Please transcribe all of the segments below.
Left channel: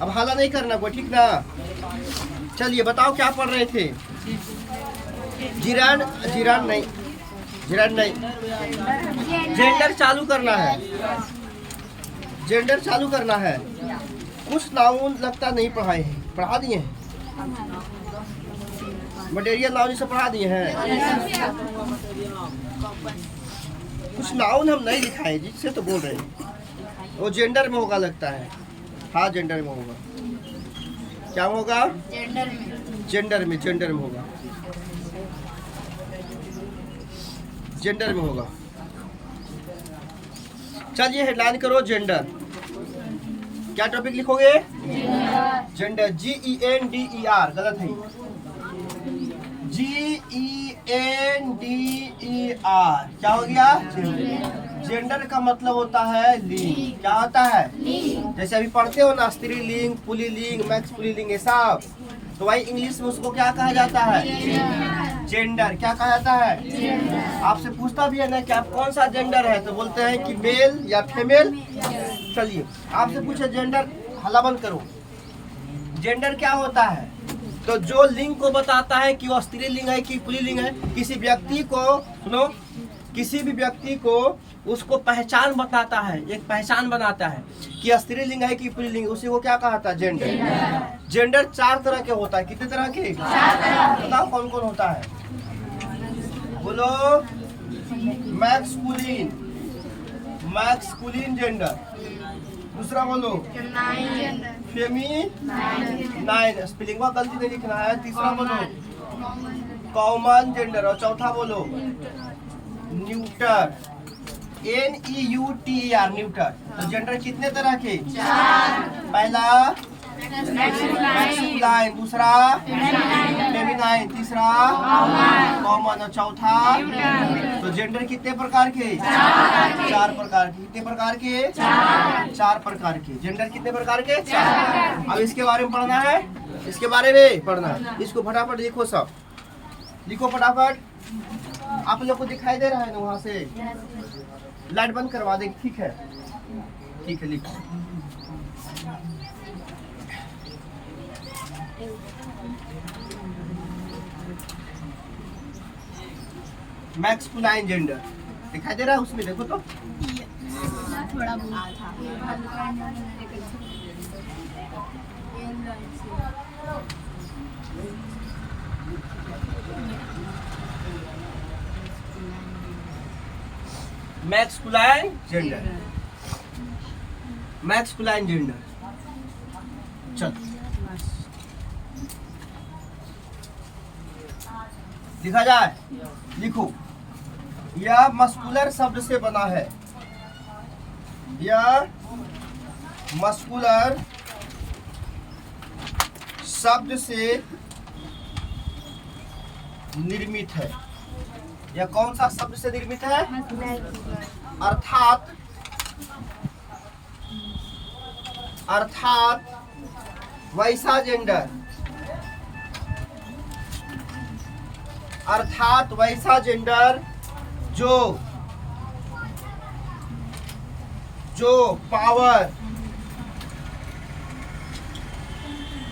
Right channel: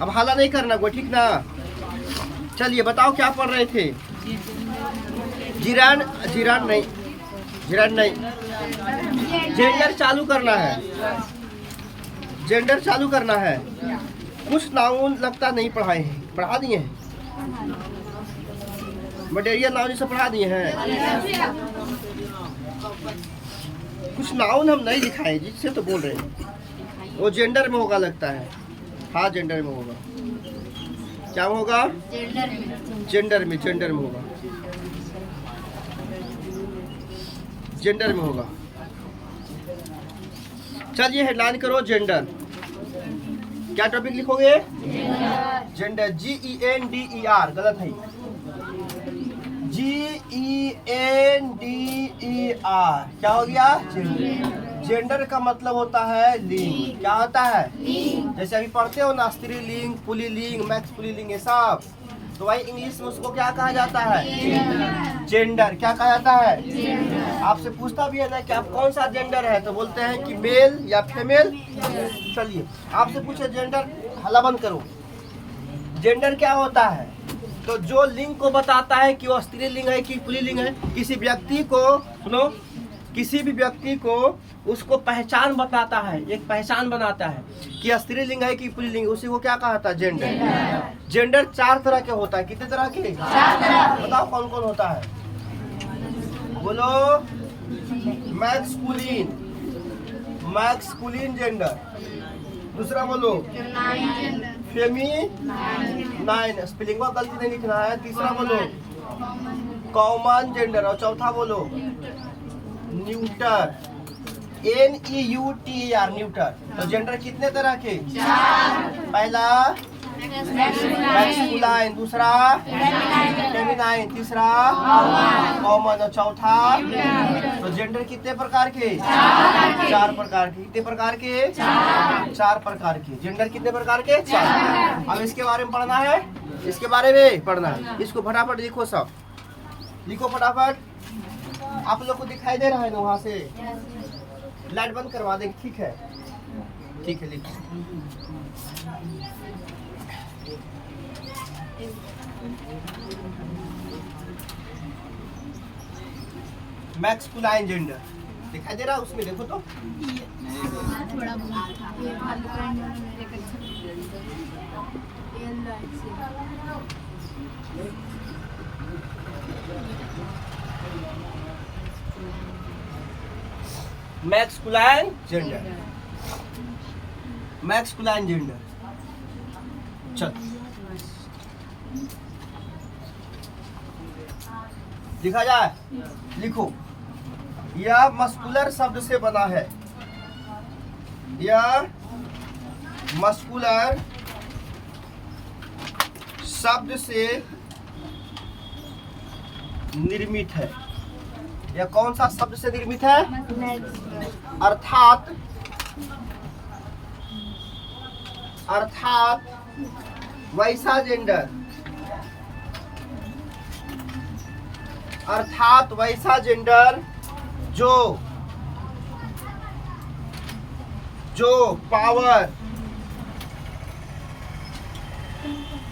अब हाला नहीं करना कोई, ठीक ना। चलिए बताओ क्या पढ़ रहे थे। जिरान जिरान नहीं, जिरान नहीं, जेंडर चालू करना है, जेंडर चालू करना है। कुछ नाउन लगता नहीं पढ़ाए हैं, पढ़ा दिए हैं। मटेरियल नाउन से पढ़ा दिए हैं। कुछ नाउन हम नहीं लिखाए जिससे तो बोल रहे हैं। वो जेंडर में होगा लगता है। हाँ जेंडर में होगा। क्या में होगा? जेंडर में, जेंडर में होगा, जेंडर में होगा। चलिए हेडलाइन करो जेंडर। क्या टॉपिक लिखोगे? जेंडर, GENDER, गलत है। GENDER क्या हो गया? जेंडर का मतलब होता है लिंग। क्या होता है? जैसे अभी पढ़ते हो ना, स्त्रीलिंग, पुल्लिंग, मैक्स पुल्लिंग, ये सब, तो भाई इंग्लिश में उसको क्या कहा जाता है? जेंडर। क्या कहा जाता है? आपसे पूछता भी है ना कि आप कौन सा जेंडर है, तो बोलते हैं कि मेल या फीमेल। चलिए आपसे पूछे जेंडर, हल्ला बंद करो। जेंडर क्या होता है? तो जो लिंग को बताता है कि वो स्त्रीलिंग है कि पुल्लिंग है। किसी व्यक्ति को, सुनो, किसी भी व्यक्ति को उसको पहचान बताता है, एक पहचान बनाता है कि स्त्रीलिंग है कि पुल्लिंग, उसी को क्या कहा था? जेंडर। जेंडर 4 तरह के होता है। कितने तरह के? 4 तरह। बताओ कौन कौन होता है? बोलो। Masculine, masculine gender. दूसरा बोलो। फेमिनाइन, स्पेलिंग में गलती नहीं लिखना है। तीसरा बोलो कॉमन जेंडर। और चौथा बोलो न्यूटर, NEUTER, न्यूटर। तो जेंडर कितने तरह के? 4। पहला मैस्कुलाइन, दूसरा फेमिनाइन, तीसरा कॉमन, और चौथा। तो जेंडर कितने प्रकार के? 4 प्रकार के। कितने प्रकार के? 4 प्रकार के। जेंडर कितने प्रकार के? 4। अब इसके बारे में पढ़ना है, इसके बारे में पढ़ना है। इसको फटाफट लिखो, सब लिखो फटाफट। आप लोग को दिखाई दे रहा है ना वहाँ से? लाइट बंद करवा दे, ठीक है? ठीक है, लिखो। मैस्कुलाइन जेंडर दिखाई दे रहा है उसमें, देखो तो। Masculine gender, masculine gender. चलो लिखा जाए, लिखो। यह मस्कुलर शब्द से बना है, यह मस्कुलर शब्द से निर्मित है। यह कौन सा शब्द से निर्मित है? अर्थात, अर्थात वैसा जेंडर, अर्थात वैसा जेंडर जो पावर,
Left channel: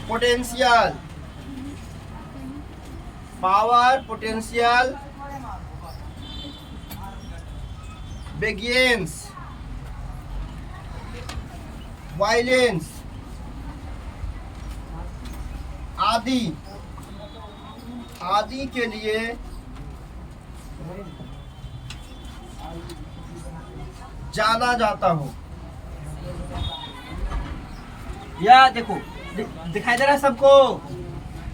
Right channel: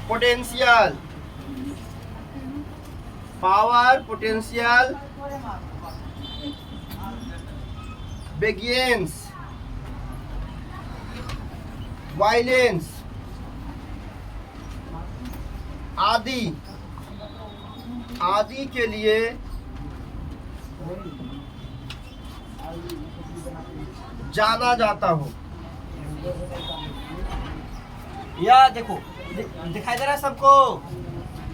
पोटेंशियल, पावर, पोटेंशियल, बेगियंस, वायलेंस आदि आदि के लिए जाना जाता हो। यह देखो, दिखाई दे रहा है सबको?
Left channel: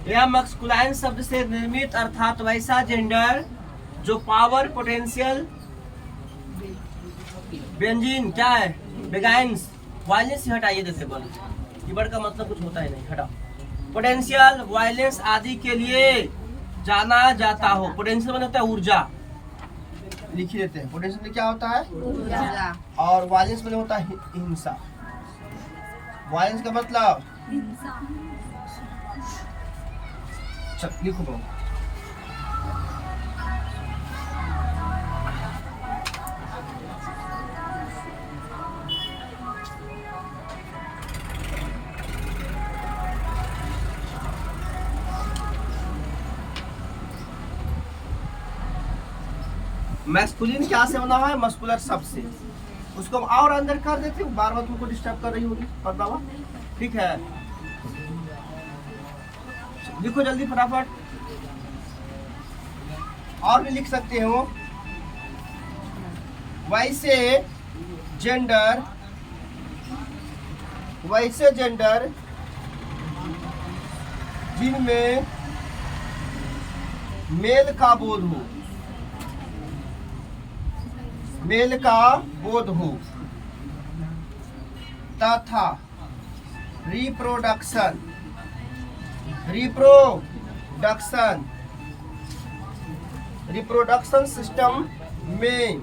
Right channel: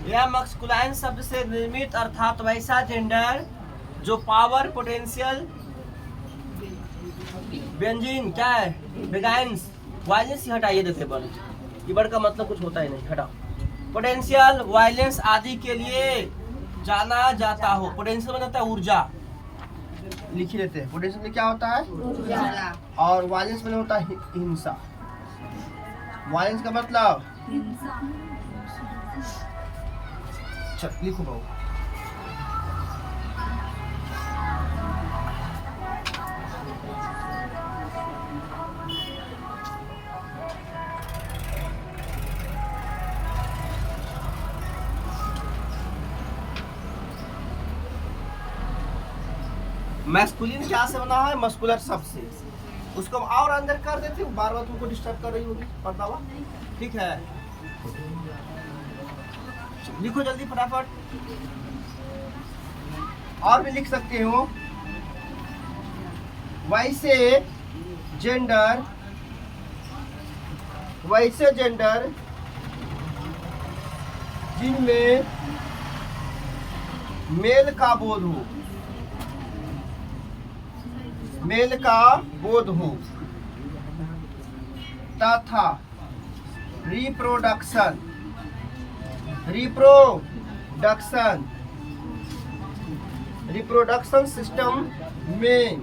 यह मैस्कुलाइन शब्द से निर्मित अर्थात वैसा जेंडर जो पावर, पोटेंशियल, व्यंजन, क्या है, बेगाइंस, वायलेंस ही हटाइए। देखिए बल कीवर्ड का मतलब कुछ होता ही नहीं, हटाओ। पोटेंशियल, वायलेंस आदि के लिए जाना जाता हो। पोटेंशियल मतलब होता है ऊर्जा, लिख ही देते हैं। पोटेंशियल में क्या होता है? ऊर्जा। और वायलेंस में होता है हिंसा। वायलेंस का मतलब चल लिखो बाबू। मैस्कुलिन क्या से बना हुआ है? मस्कुलर शब्द से। उसको हम और अंदर कर देते हैं, बार बार तुमको डिस्टर्ब कर रही होगी पर्दावा। ठीक है, लिखो जल्दी फटाफट। और भी लिख सकते हो, वैसे जेंडर जिनमें मेल का बोध हो तथा रिप्रोडक्शन सिस्टम में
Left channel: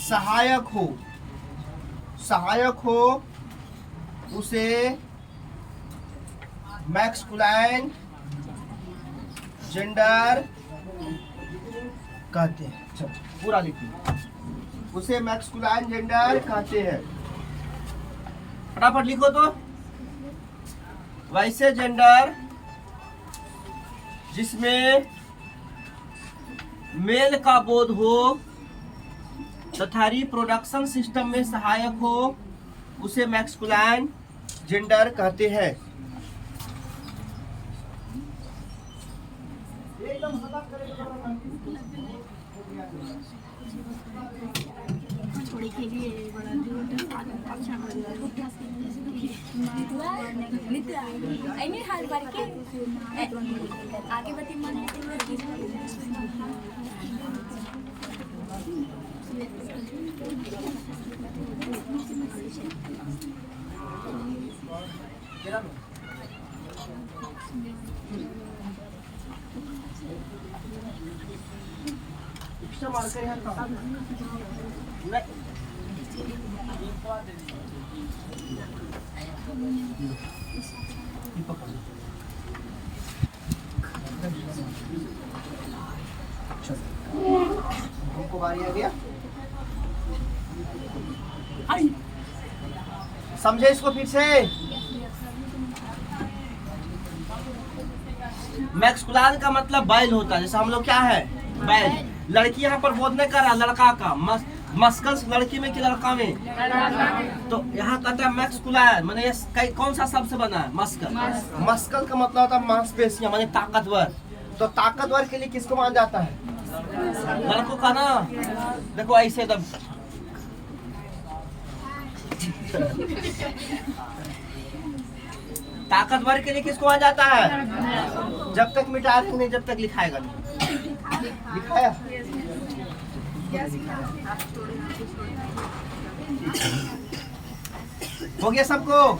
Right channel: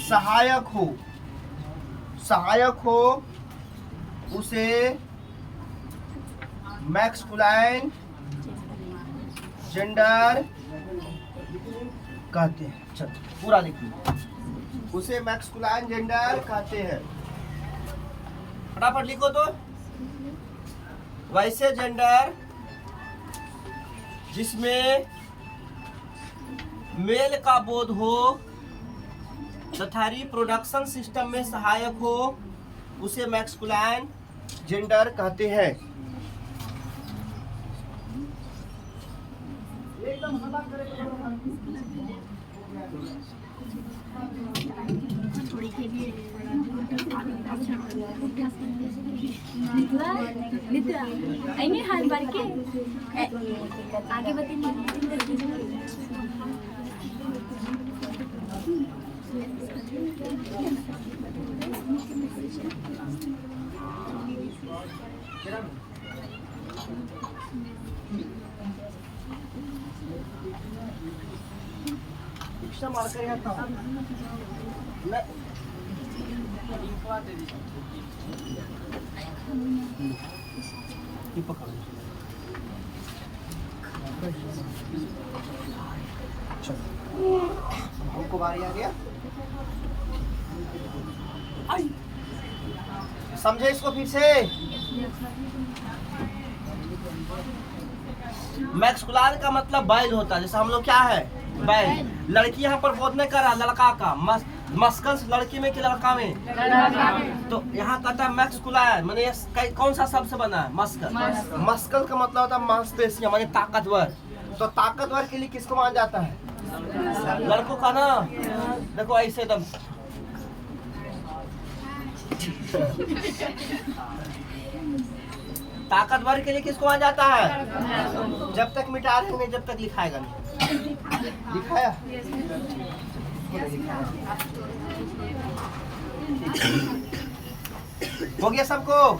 सहायक हो उसे मैस्कुलाइन जेंडर कहते हैं। चलो पूरा लिखिए, उसे मैस्कुलाइन जेंडर कहते हैं। फटाफट लिखो तो, वैसे जेंडर जिसमें मेल का बोध हो तथा रिप्रोडक्शन सिस्टम में सहायक हो उसे मैस्कुलाइन जेंडर कहते हैं। आगे मार्कर यहाँ कहाँ? आ गया, समझे इसको फिर से? मैस्कुलाइन का मतलब बैल होता है, जैसे हम लोग क्या है बैल। लड़की यहाँ पर बोध नहीं कर रहा, लड़का का मस्कल्स लड़की में कि लड़का में? तो यहाँ कहता है मैस्कुलाइन, माने ये कौन सा शब्द से बना है? मस्कल। मस्कल का मतलब होता है मांसपेशियां, माने ताकतवर। तो ताकतवर के लिए किसको माना जाता है? लड़कों का ना। देखो ऐसे तब ताकतवर के लिए किसको माना जाता है? जब तक मिटा रहे नहीं, जब तक लिखाएगा नहीं। लिखाया हो गया सबको?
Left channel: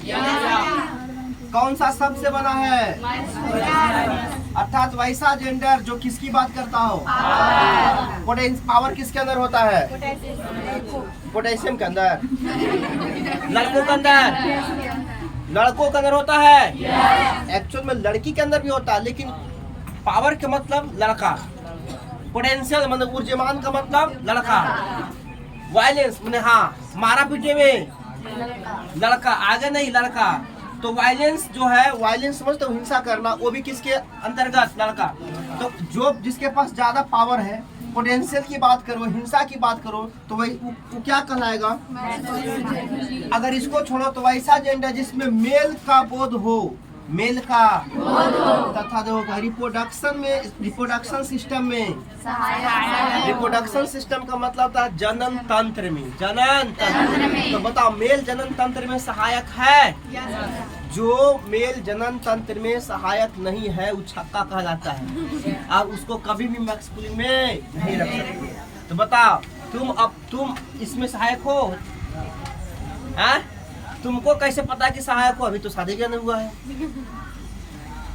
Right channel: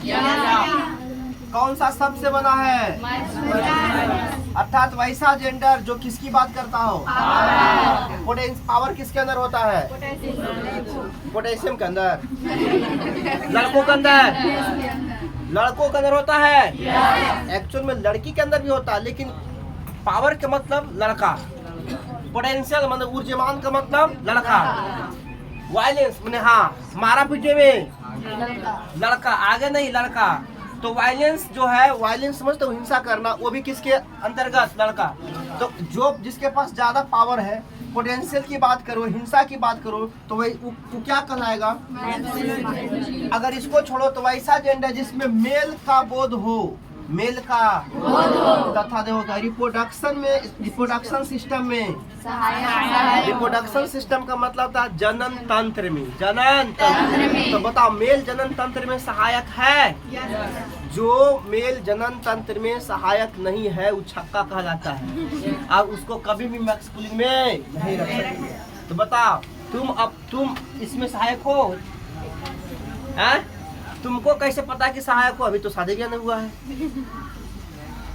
कौन सा शब्द से बना है? अर्थात वैसा जेंडर जो किसकी बात करता हो? पावर किसके अंदर होता है? पोटेशियम के अंदर। लड़कों के अंदर होता है। एक्चुअल में लड़की के अंदर भी होता है, लेकिन पावर के मतलब लड़का, पोटेंशियल मतलब ऊर्जावान का मतलब लड़का, वायलेंस मैंने हाँ मारा पीटे में लड़का, आगे नहीं लड़का। तो वायलेंस जो है, वायलेंस समझते हो, हिंसा करना, वो भी किसके अंतर्गत? लड़का। तो जो जिसके पास ज्यादा पावर है, पोटेंशियल की बात करो, हिंसा की बात करो, तो वही वो क्या कहलाएगा? अगर इसको छोड़ो तो वैसा जेंडर जिसमें मेल का बोध हो, मेल का तथा देखो रिप्रोडक्शन सिस्टम में, रिप्रोडक्शन सिस्टम का मतलब था जनन तंत्र में, तो बताओ मेल जनन तंत्र में सहायक है? जो मेल जनन तंत्र में सहायक नहीं है वो छक्का कहा जाता है, और उसको कभी भी मैस्कुलिन में नहीं रख सकते। तो बताओ तुम इसमें सहायक हो? तुमको कैसे पता कि सहायक हो? अभी तो शादी क्या नहीं हुआ है,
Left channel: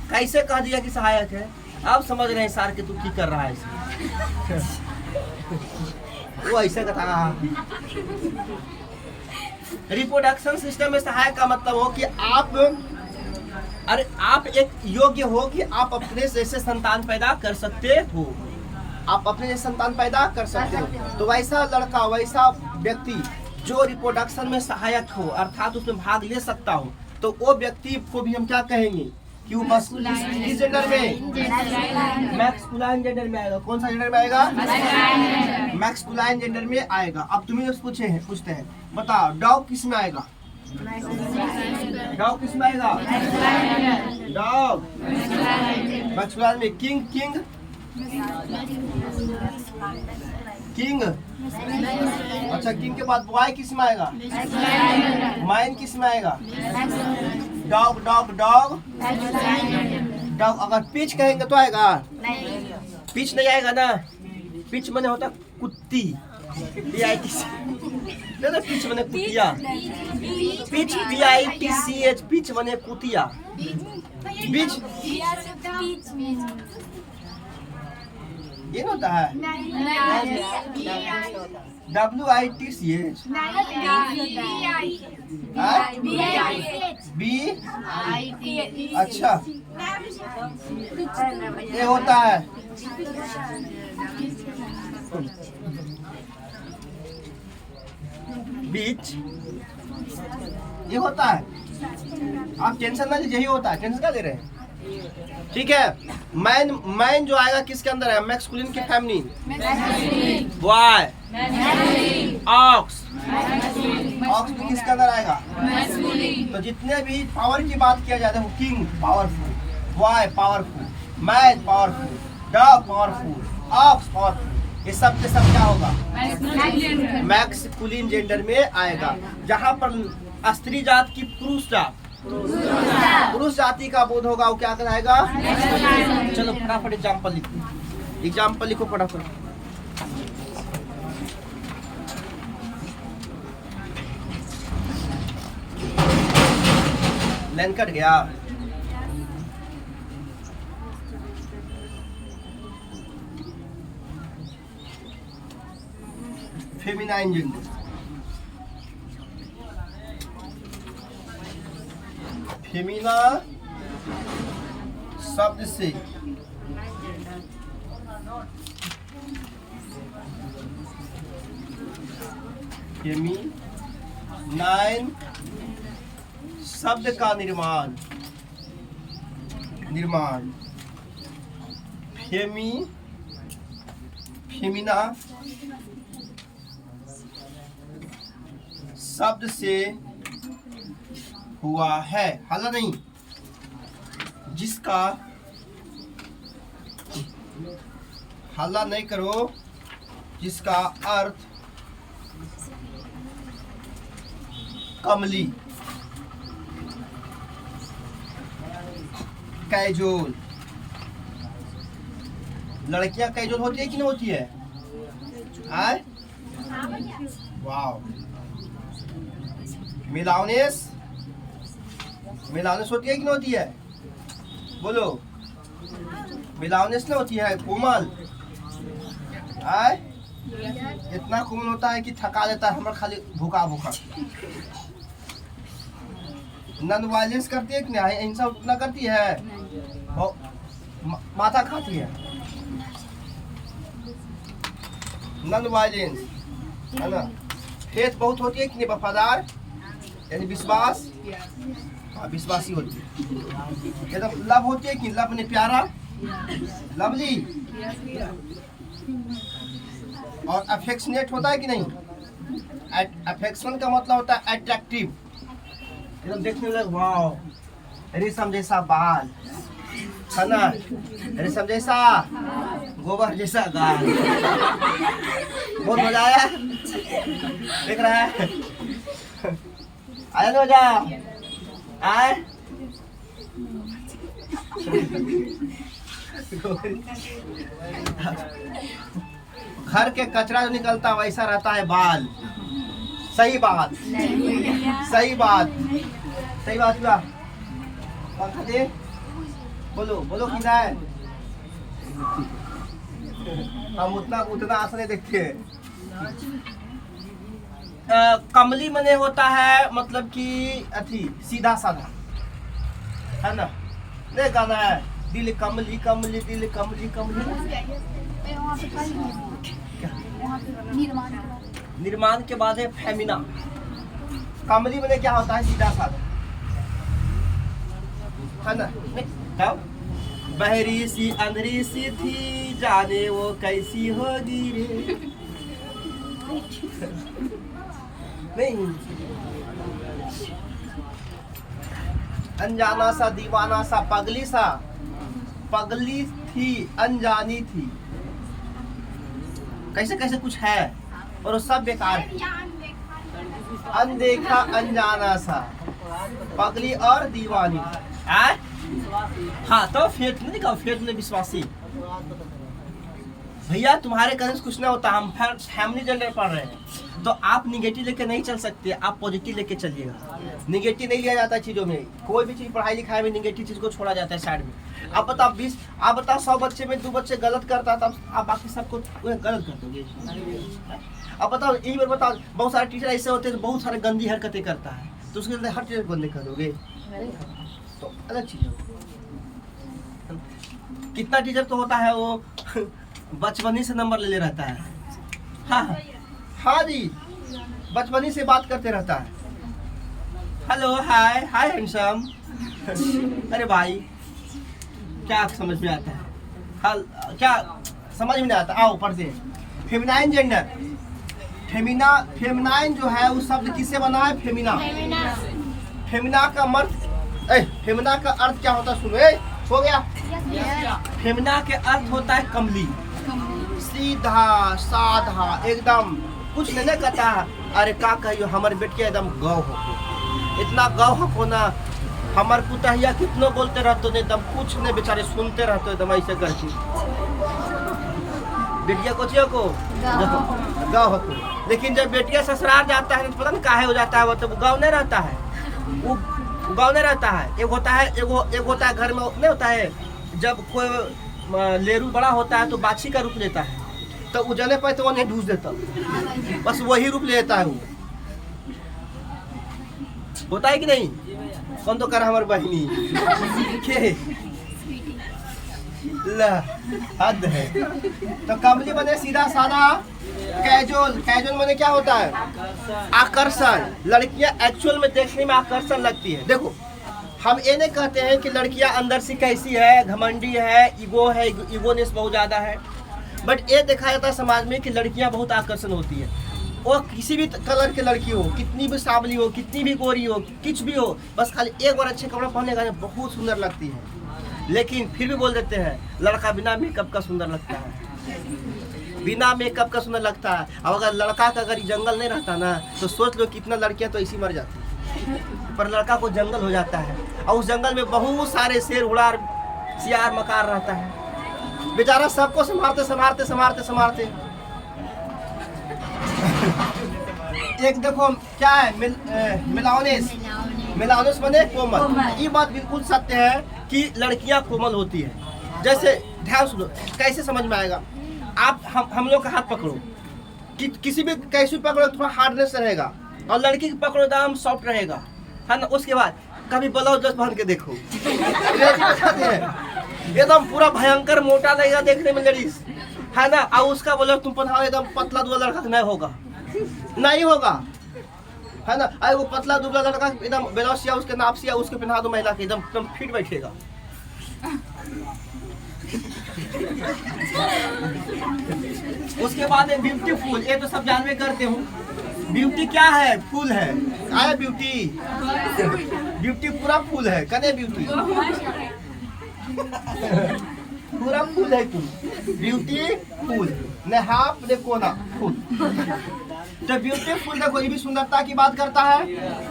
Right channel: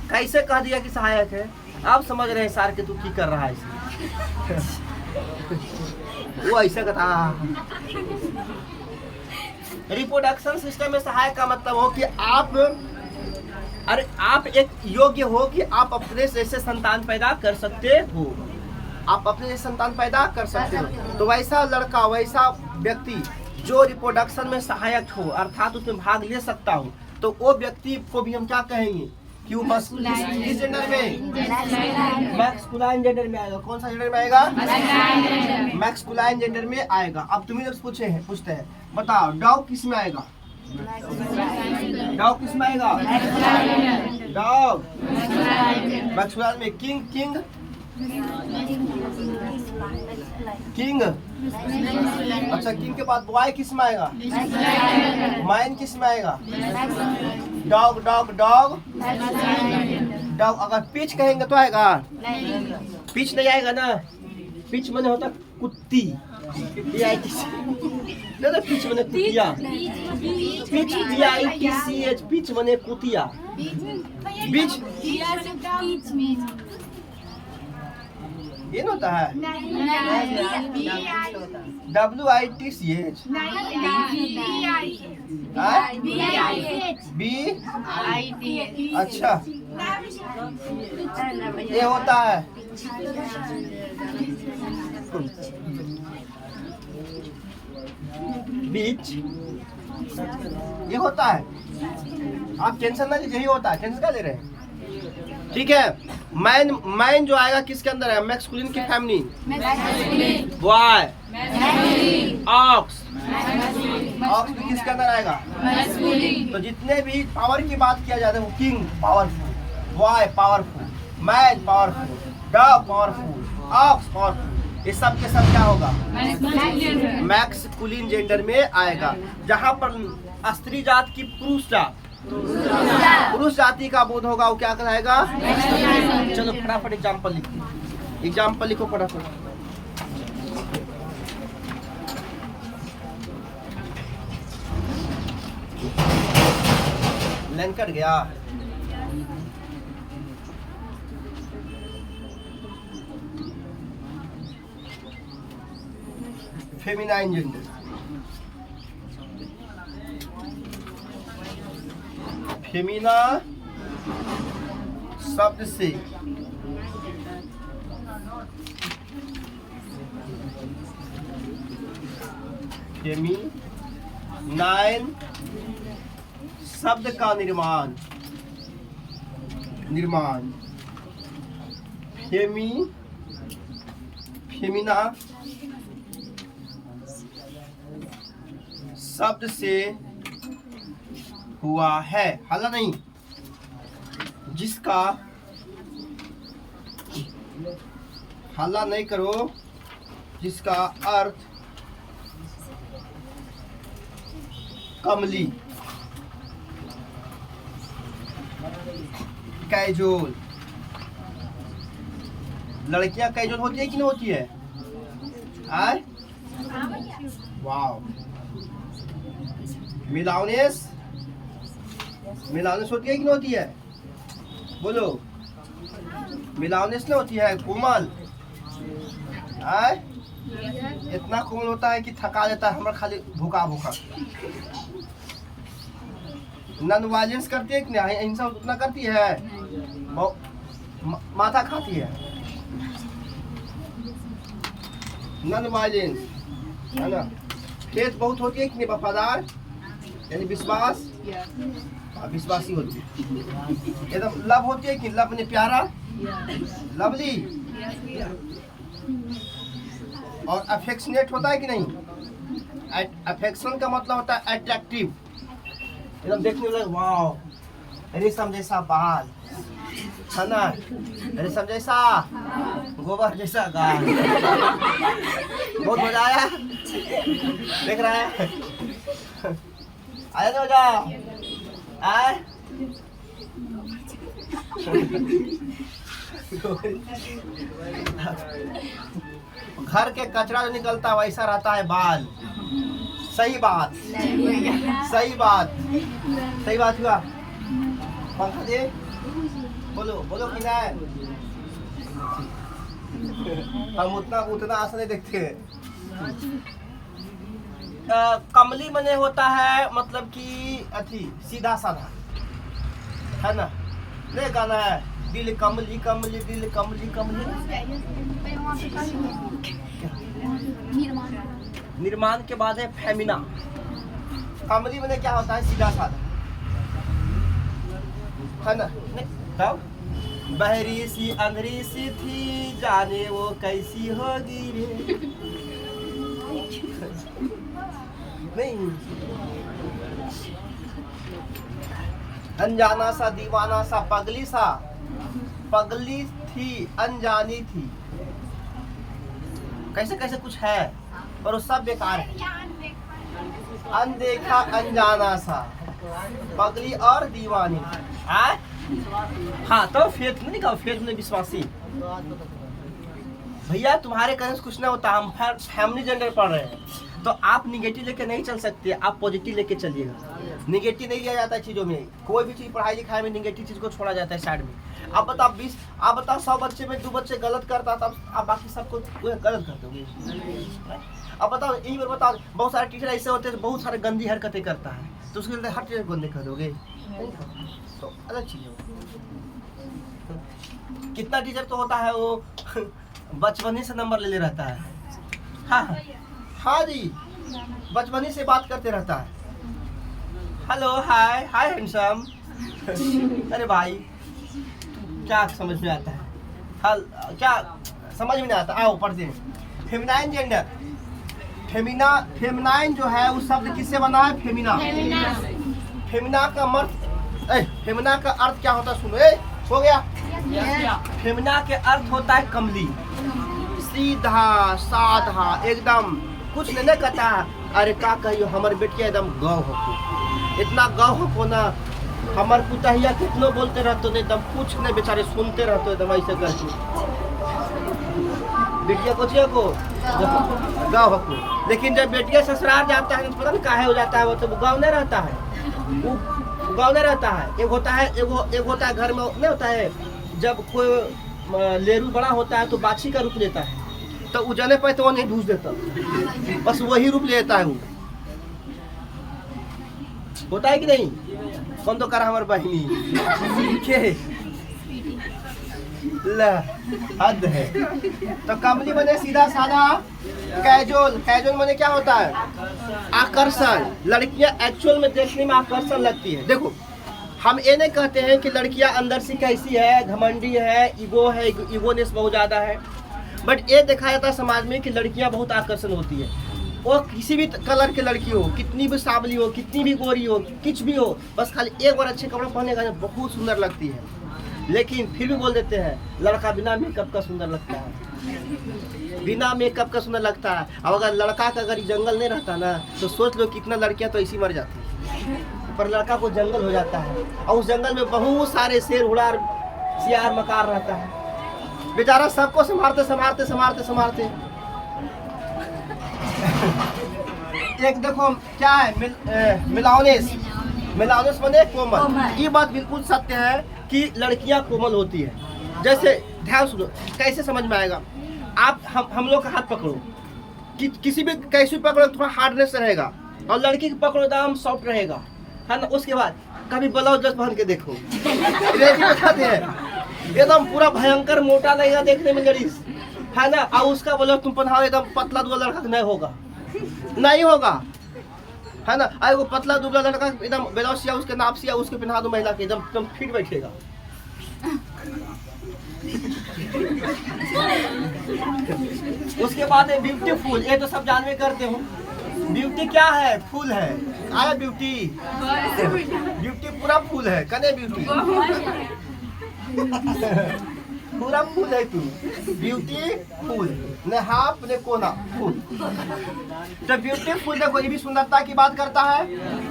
कैसे कह दिया कि सहायक है? अब समझ रहे हैं सार के तू की कर रहा है इसमें। वो ऐसे कथा। रिप्रोडक्शन सिस्टम में सहायक का मतलब हो कि आप एक योग्य हो कि आप अपने जैसे संतान पैदा कर सकते हो, आप अपने जैसे संतान पैदा कर सकते हो। तो वैसा लड़का, वैसा व्यक्ति जो रिप्रोडक्शन में सहायक हो, अर्थात उसमें भाग ले सकता हो, तो वो व्यक्ति को भी हम क्या कहेंगे? क्यों किस जेंडर में? मैस्कुलाइन जेंडर में आएगा। कौन सा जेंडर में आएगा? मैस्कुलाइन जेंडर में आएगा। अब तुम्हें पूछते हैं, बताओ डॉग किस में आएगा? डॉग किस में आएगा? डॉग मैस्कुलाइन में। किंग अच्छा, किंग के बाद बॉय किस में आएगा? माइन किस में आएगा? डॉग। अगर पिच कहेंगे तो आएगा? पिच नहीं आएगा ना। पिच माने होता कुत्ती, नहीं, पिच माने कुतिया। पिच PITCH, पिच माने कुतिया। बीच ये ना होता है WITCH B। अच्छा, ये होता है बीच, ये होता है। आप टेंशन ना लीजिए, यही होता है, टेंशन क्या ले रहे हैं? ठीक है। मैन जो आएगा किसके अंदर है? मैस्कुलिन की फेमिनिन। बॉय ऑक्स भी किसके अंदर आएगा? तो जितने भी पावर की बात किया जाता है वो king powerful, boy powerful, man powerful, dog powerful, ox powerful, ये सब के सब क्या होगा? मैस्कुलिन जेंडर में आएगा। जहाँ पर स्त्री जात की पुरुष जाति का बोध होगा वो क्या कहलाएगा? चलो फटाफट एग्जाम्पल लिखो। एग्जाम्पल लिखो फटाफट। लाइन कट गया। Feminine gender. फेमिना शब्द से फेमिनाइन शब्द का निर्माण फेमिना शब्द से हुआ है, हाला नहीं, जिसका हल्ला नहीं करो, जिसका अर्थ कमली, कैजुअल। लड़कियां कैजुअल होती है कि नहीं होती है? वाह। मिलावनेस होती है कि नहीं होती है? बोलो। मिलावनेस नहीं होती है? कोमल इतना कोमल होता है कि थका देता है, हमारा खाली भूखा। नॉन वायलेंस करती है कि नहीं? अहिंसा उतना करती है? माथा खाती है। नॉन वायलेंस है ना। फेथ बहुत होती है कि नहीं? वफादार यानी विश्वास, विश्वासी होती है। एकदम लव होती है कि लव ने प्यारा, लवली। और अफेक्शनेट होता है कि नहीं? अफेक्शन का मतलब होता है अट्रैक्टिव, एकदम देखने में वाह, रेशम जैसा बाल है ना, रेशम जैसा गोबर जैसा गाल। बहुत मजा आया, देख रहा है? आया ना मजा? घर के कचरा जो निकलता है वैसा रहता है बाल। सही बात हुआ। पंखा दे, बोलो किधर है? हम उतना आसान नहीं देखते। कमली मने होता है मतलब कि अथी सीधा साधा है ना। नहीं गाना है दिल कमली कमली दिल कमली कमली। निर्माण के बाद है फेमिना। कमली मने क्या होता है? सीधा साधा है ना? तब बहरी सी अंधरी सी थी, जाने वो कैसी होगी रे। नहीं, अनजाना सा दीवाना सा पगली सा, पगली थी अनजानी थी, कैसे कैसे कुछ है और वो सब बेकार है। अनदेखा अनजाना सा, पगली और दीवानी। हाँ तो फेथ नहीं कहा, फेथ ने विश्वासी। भैया तुम्हारे कहने से कुछ नहीं होता, हम फैमिली जेंडर पढ़ रहे हैं, तो आप निगेटिव लेके नहीं चल सकते, आप पॉजिटिव लेके चलिएगा। निगेटिव नहीं लिया जाता चीज़ों में, कोई भी चीज़ पढ़ाई लिखाई में निगेटिव चीज़ को छोड़ा जाता है साइड में। आप बताओ 100 बच्चे में 2 बच्चे गलत करता है, तब आप बाकी सबको गलत कर दोगे। अब बताओ, एक बार बताओ, बहुत सारे टीचर ऐसे होते हैं तो बहुत सारे गंदी हरकतें करता है, तो उसके लिए हर टीचर गंदे कर दोगे, तो अलग चीज़ है। कितना टीचर तो होता है वो बचपनी से नंबर ले रहता है। हाँ हाँ जी, बचपनी से बात करते रहता है, हेलो हाय हाय हैंडसम। अरे भाई क्या समझ में आता है? क्या समझ में नहीं आता? आओ पढ़ते हैं। फेमिनाइन जेंडर, फेमिनाइन जो है उस शब्द किससे बना है? फेमिना। फेमिना का फेमिना का अर्थ क्या होता है? सुनो, हो गया। फेमिना के अर्थ होता है कमली, सीधा साधा, एकदम कुछ नहीं कहता है। अरे का कहियो हमारे बेटिया एकदम गौ हो, इतना गौ हो ना, हमार पुतहिया कितनो बोलते रहते नहीं, एकदम कुछ नहीं, बेचारे सुनते रहते एकदम ऐसे करके। बेटिया को गौ हो, लेकिन जब बेटिया ससुराल जाता है तो पता नहीं काहे हो जाता है, वो तो गौ नहीं रहता है, वो गौ नहीं रहता है। एक होता है घर में नहीं होता है, जब कोई लेरू बड़ा होता है तो बाछी का रूप लेता है, तो उजने पे तो वो नहीं ढूंढ देता, बस वही रूप लेता है वो। होता है कि नहीं? कौन तो कर हमारे बहनी के ला हद है। तो कमली बने सीधा साधा, कैजुअल माने क्या होता है? आकर्षण। लड़कियां एक्चुअल में देखने में आकर्षण लगती है। देखो, हम ये नहीं कहते हैं कि लड़कियां अंदर से कैसी है, घमंडी है, ईगोनेस बहुत ज्यादा है, बट ये देखा जाता है समाज में कि लड़कियां बहुत आकर्षण होती है। वो किसी भी कलर की लड़की हो, कितनी भी सांवली हो, कितनी भी गोरी हो, कुछ भी हो, बस खाली एक बार अच्छे कपड़े पहनने का बहुत सुंदर लगती है। लेकिन फिर भी बोल देते हैं लड़का बिना मेकअप का सुंदर लगता है, बिना मेकअप का सुंदर लगता है। अब अगर लड़का का अगर जंगल नहीं रहता ना, तो सोच लो कितना लड़कियां तो ऐसी मर जाती, पर लड़का को जंगल हो जाता है, और उस जंगल में बहुत सारे शेर उड़ार सियार मकार रहता है, बेचारा सबको संभालते। एक देखो क्या है, मिलाओनेस बने कोमल। ये बात बिल्कुल सत्य है कि लड़कियां कोमल होती है। जैसे ध्यान सुनो, कैसे समझ में आएगा? आप हम लोग का हाथ पकड़ो, किसी भी कैसे पकड़ो थोड़ा हार्डनेस रहेगा, और लड़की की पकड़ो एकदम सॉफ्ट रहेगा, है ना। उसके बाद कभी ब्लाउज ड्रेस पहन के देखो, बताते हैं एकदम पूरा भयंकर मोटा लगेगा देखने में लेडीज, है ना। और उसका ब्लाउज तुम पहनाओ एकदम पतला दुबला लड़का नहीं होगा, है ना। अरे वो पतला दुबला लड़का एकदम ब्लाउज सिया उसके नाप सिया उसके पहना दो महिला के, एकदम फिट बैठेगा। उसके बाद है ब्यूटीफुल। ये तो सब जानवे करते हूँ, ब्यूटी क्या है? फूल है। आए ब्यूटी पूरा फूल है, कने ब्यूटी पूरा फूल है तू, ब्यूटी फूल ने हाफ ने कोना फूल। तो ब्यूटीफुल देखो, ये भी सुंदरता की बात करता है,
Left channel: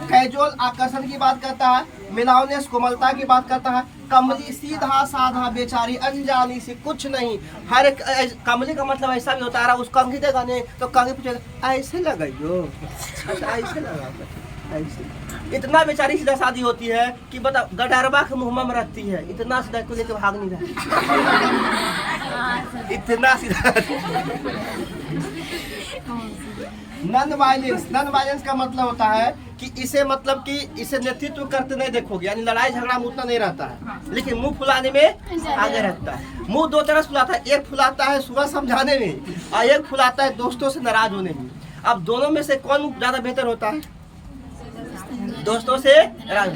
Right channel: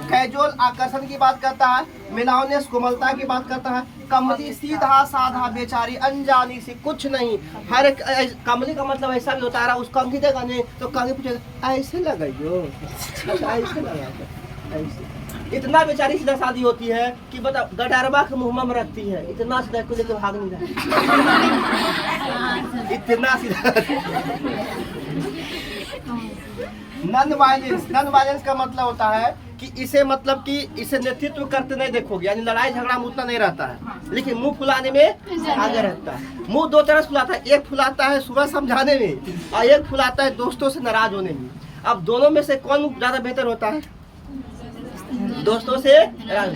कैजुअल आकर्षण की बात करता है, मिलाओनेस कोमलता की बात करता है, कमली सीधा साधा बेचारी अनजानी से कुछ नहीं। हर एक कमली का मतलब ऐसा भी होता है, उस कंघी देगा नहीं तो कंघी पूछेगा ऐसे लगाइयो, अच्छा ऐसे लगा, ऐसे। इतना बेचारी सीधा शादी होती है कि बता गडरबा के मुँह में रखती है, इतना सीधा को लेकर भाग नहीं रहा, इतना सीधा। नॉन वायलेंस का मतलब होता है कि इसे नेतृत्व करते नहीं देखोगे, यानी लड़ाई झगड़ा में उतना नहीं रहता है, लेकिन मुंह फुलाने में आगे रहता है। मुंह दो तरह से फुलाता है, एक फुलाता है सुबह समझाने में, और एक फुलाता है दोस्तों से नाराज होने में। अब दोनों में से कौन ज्यादा बेहतर होता है? दोस्तों से नाराज,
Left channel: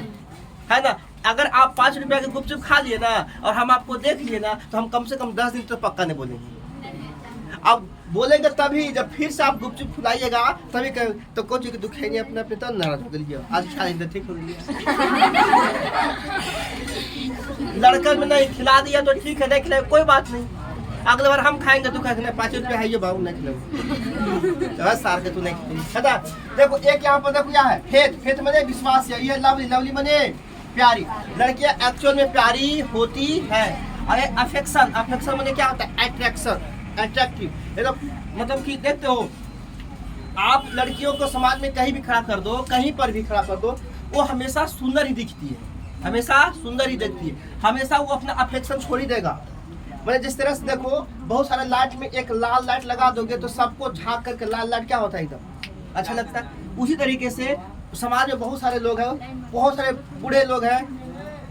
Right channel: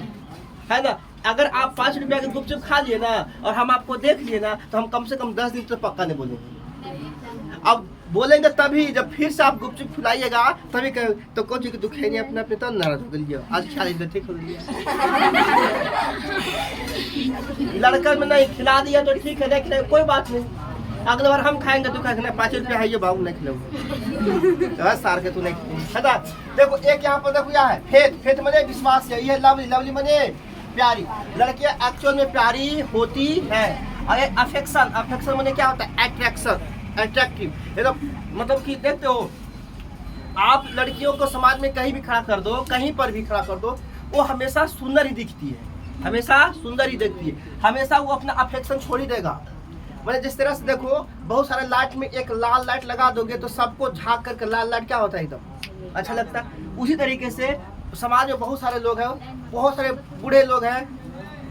है ना। अगर आप 5 रुपया के गुपचुप खा लिए ना और हम आपको देख लिए ना तो हम कम से कम 10 दिन तक पक्का नहीं बोलेंगे। अब बोलेंगे तभी जब फिर से आप गुपचुप खिलाइएगा तभी कहें तो कौन चीज दुख है नहीं अपने अपने तो नाराज हो गई आज खा लीजिए ठीक हो गया। लड़का में नहीं खिला दिया तो ठीक है नहीं खिलाए कोई बात नहीं, अगले बार हम खाएंगे तो कहेंगे 5 रुपया है ये बाबू नहीं खिलाऊंगा सार के तू नहीं खिला। देखो एक यहाँ पर देखो यहाँ है फेथ, फेथ मने विश्वास है, ये लवली, लवली मने प्यारी। लड़कियां एक्चुअल में प्यारी होती है। अरे अफेक्शन, अफेक्शन मने क्या होता है अट्रैक्शन, अट्रैक्टिव। मतलब कि देखते हो आप लड़कियों को समाज में कहीं भी खड़ा कर दो, कहीं पर भी खड़ा कर दो, वो हमेशा सुंदर ही दिखती है, हमेशा सुंदर ही दिखती है, हमेशा वो अपना अफेक्शन छोड़ ही देगा। मतलब जिस तरह से देखो बहुत सारे लाइट में एक लाल लाइट लगा दोगे तो सबको झांक करके लाल लाइट क्या होता है एकदम अच्छा लगता है। उसी तरीके से समाज में बहुत सारे लोग हैं, बहुत सारे बूढ़े लोग हैं,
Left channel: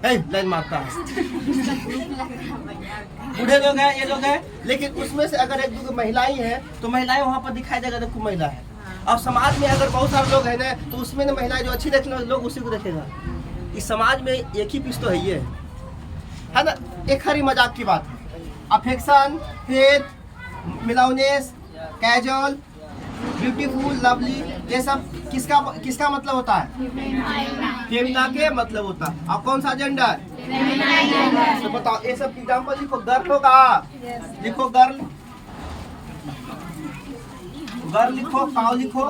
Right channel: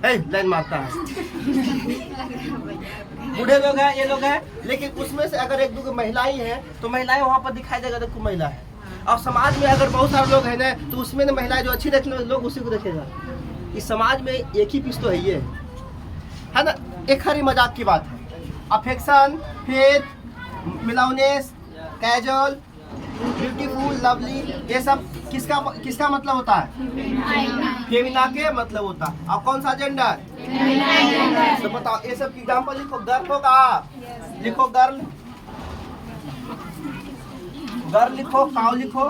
लाइन मारता है बूढ़े लोग हैं, ये लोग हैं, लेकिन उसमें से अगर एक दो महिलाएं हैं तो महिलाएं वहाँ पर दिखाई देगा देखो महिला है। और समाज में अगर बहुत सारे लोग हैं ना तो उसमें ना महिलाएं जो अच्छी देखने लोग उसी को देखेगा। इस समाज में एक ही पीस तो है ये है ना, एक हरी मजाक की बात है। अफेक्शन, फेथ, मिलाउनेस, कैजुअल, ब्यूटीफुल, लवली, ये सब किसका किसका मतलब होता है? फेमिना के मतलब होता है। और कौन सा जेंडर? तो बताओ ये सब एग्जाम्पल लिखो। गर्ल होगा, लिखो गर्ल, गर्ल लिखो, काउ लिखो,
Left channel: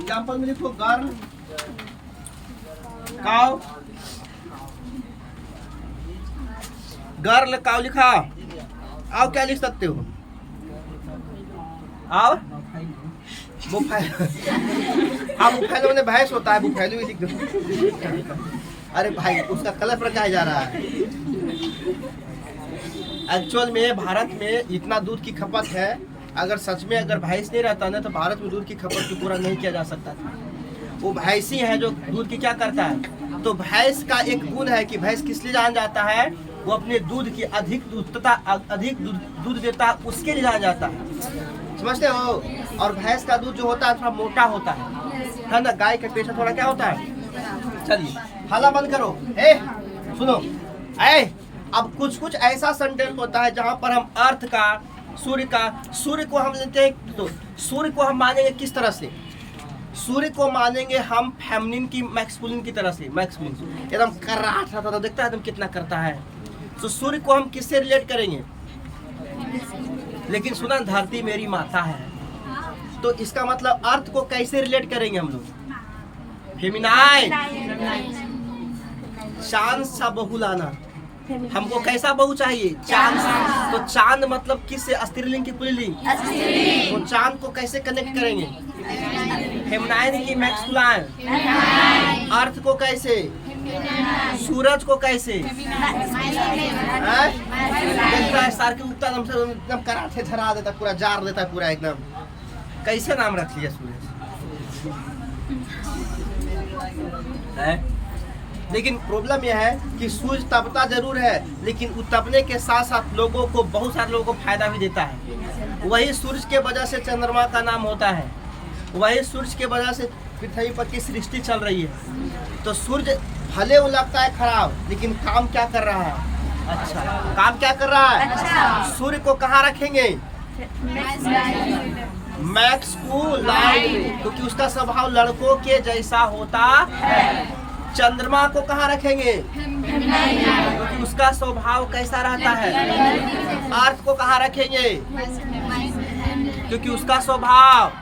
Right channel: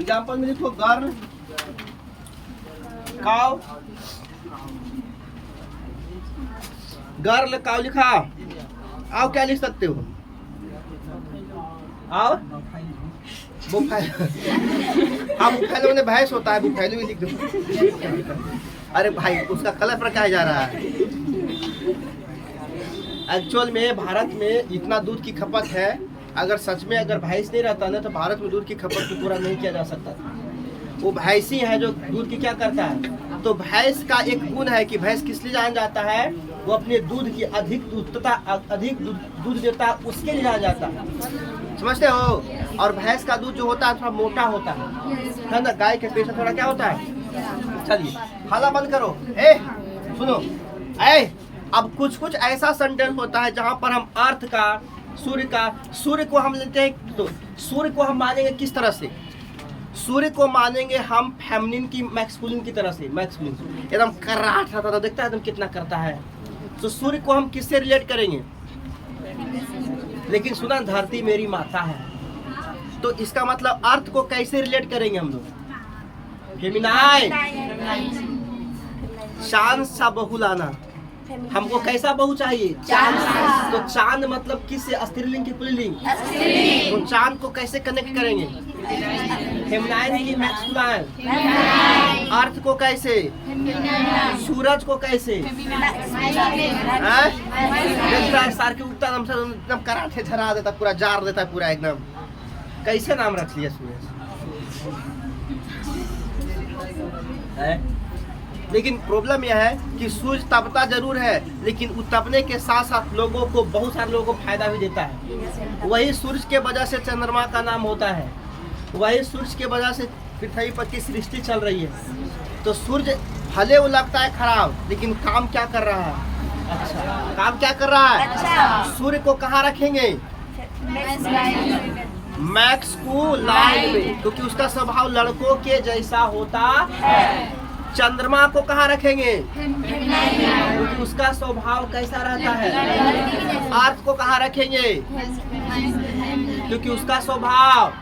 एग्जाम्पल में लिखो गर्ल, काउ, गर्ल काउ लिखा। आओ क्या लिख सकते हो? आओ बुफैलो, हाँ बुफैलो में भैंस होता है, बुफैलो ही लिख दो। अरे भाई उसका कलर पर क्या जा रहा है? एक्चुअल में भारत में इतना दूध की खपत है, अगर सच में अगर भैंस नहीं रहता ना तो भारत में दूध की खपत को पूरा नहीं किया जा सकता था। वो भैंस ही है जो दूध की क्या करता है। तो भैंस का एक गुण है कि भैंस किस लिए जाना जाता है, वो अपने दूध की अधिक दूध तथा अधिक दूध देता है उसके लिए जाना जाता है, समझते हो। और भैंस का दूध जो होता है थोड़ा मोटा होता है ना, गाय के पेशा थोड़ा क्या होता है। चलिए हल्ला बंद करो, सुनो। अब कुछ कुछ ऐसा सेंटेंस होता है जहाँ पर हम अर्थ का, सूर्य को हम लेते हैं तो सूर्य को हम मानेंगे किस तरह से? सूर्य को मानेंगे हम फेमिनिन की, मैस्कुलिन की तरह से। मैस्कुलिन एकदम कराट रहता था, देखता है एकदम कितना करता है। तो सूर्य को हम किससे रिलेट करेंगे? लेकिन सुना धरती मेरी माता है, तो इसका मतलब अर्थ को कैसे रिलेट करेंगे हम लोग? फेमिनाइन, चांद सा बहू लाना। हमको कैसा बहू चाहिए? चांद। तो चांद मतलब किससे? स्त्रीलिंग की पुल्लिंग। तो चांद को कैसे कनेक्ट करेंगे? फेमिनाइन की मैस्कुलाइन। अर्थ को कैसे? सूरज को कैसे? देखता है सार के उगता एकदम कराटे धरा देता, पूरा जार देता है पूरा एकदम। कैसे नाम रख लिया सूरज है? लेकिन प्रॉब्लम यह है कि सूरज तपता जरूर है, लेकिन तपने के साथ साथ लोगों को, बहुत सारे लोगों को फायदा भी देता है। वही सूरज के वजह से चंद्रमा का नाम होता है, वही सूरज के वजह से पृथ्वी पर की सृष्टि चल रही है। तो सूरज भले वो लगता है खराब, लेकिन काम क्या कर रहा है? अच्छा काम क्या कर रहा है? अच्छा। सूर्य को कहाँ रखेंगे? मैक्स को लाइन में, क्योंकि उसका स्वभाव लड़कों के जैसा होता है। चंद्रमा को कहाँ रखेंगे? क्योंकि उसका स्वभाव कैसा रहता है? अर्थ को कहाँ रखेंगे? क्योंकि उसका स्वभाव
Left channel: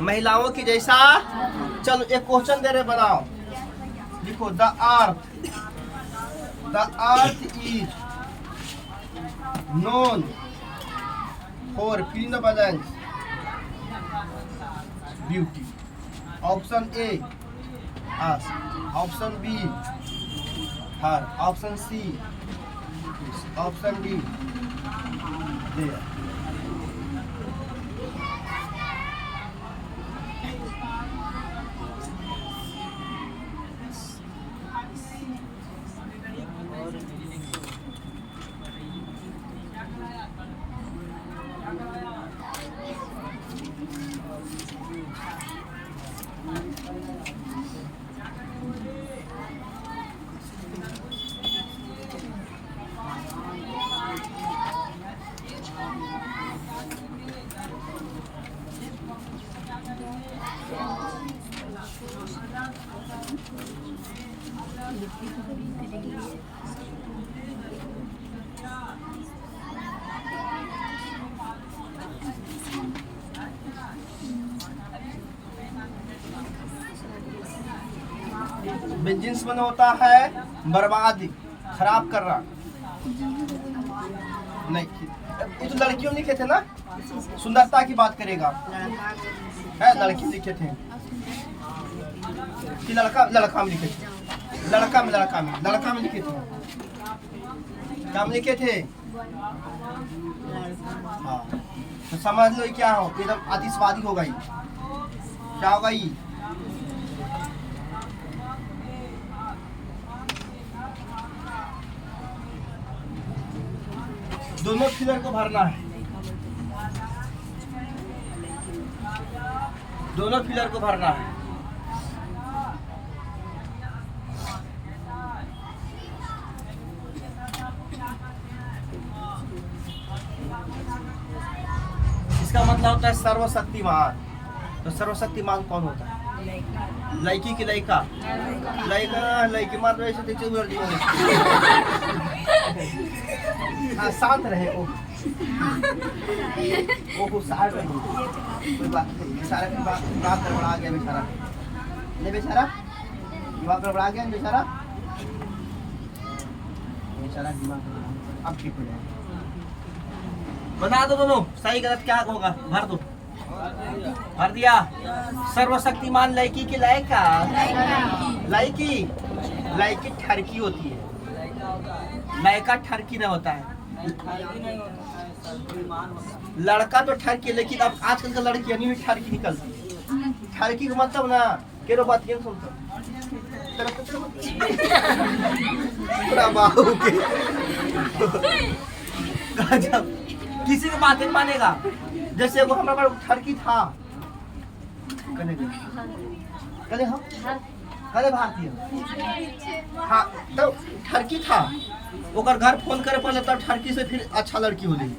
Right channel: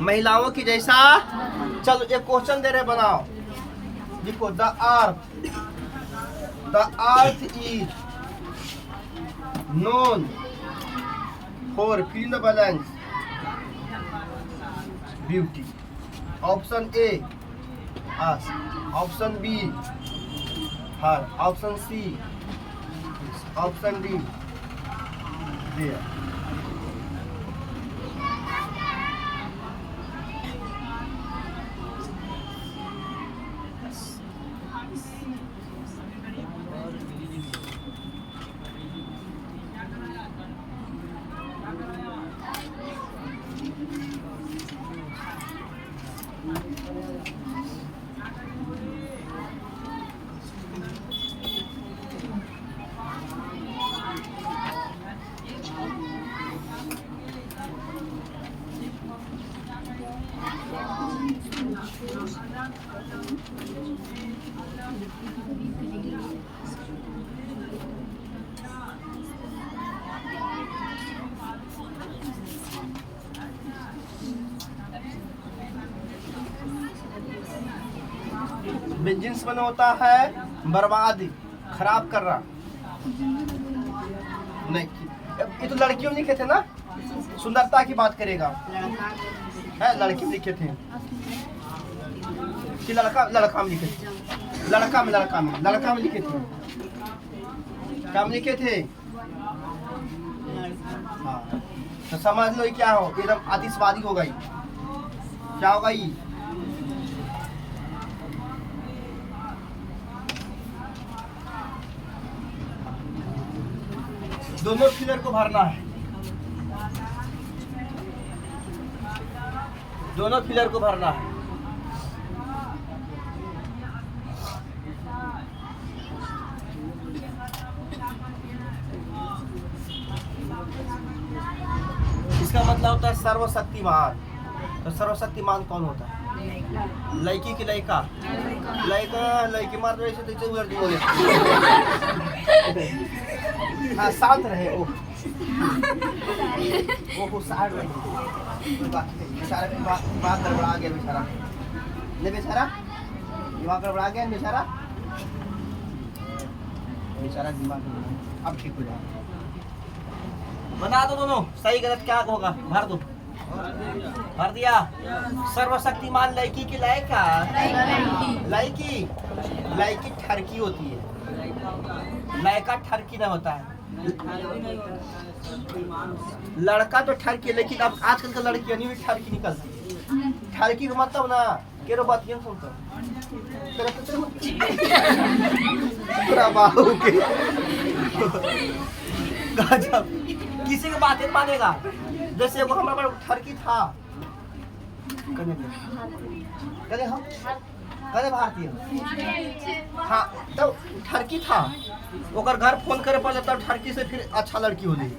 महिलाओं की जैसा। चलो एक क्वेश्चन दे रहे, बनाओ, लिखो। The earth is known for filling the balance beauty. Option A us, option B her, option C option D there. बेंजिन्स में होता है बर्बाद, खराब कर रहा। नहीं, ये तो लड़कियों लिखे थे ना, सुंदरता की बात करेगा है, लड़की लिखे थे कि लड़का में लिखे थे, लड़का में लिखे थे, क्या में लिखे थे? हाँ, तो समझ लो क्या हो, एकदम आतिशबाजी हो गई। क्या होगा ये? दोनों फिलर को भरना है, दोनों फिलर को भरना है। इसका मतलब होता है सर्वशक्तिमान। तो सर्वशक्तिमान कौन होता है? लड़की की लड़का, लड़की मार रहे थे शांत रहे। वो साहब बेचारा दिमाग गड़बड़ा गया, बेचारा नहीं, बेचारा दिमाग गड़बड़ा गया, बेचारा दिमाग। अब ठीक हो जाएगा। बना दो दोनों, सही गलत क्या होगा, भर दो। भर दिया। सर्वशक्तिमान लड़की की लड़का, लड़की ठरकी होती है, लड़का ठरकी ना होता है। लड़का तो ठरकी, लेकिन अब आजकल का लड़कियां नहीं भी ठरकी निकलती। ठरकी का मतलब ना केरो बात ये सुनता किसी की बात नहीं मानेगा। जैसे वो हमारा ठरकी था, कदे भारतीय, हाँ, तो ठरकी था, ओकर घर फोन करे पड़े तब ठरकी से फिर अच्छा लड़की हो गई।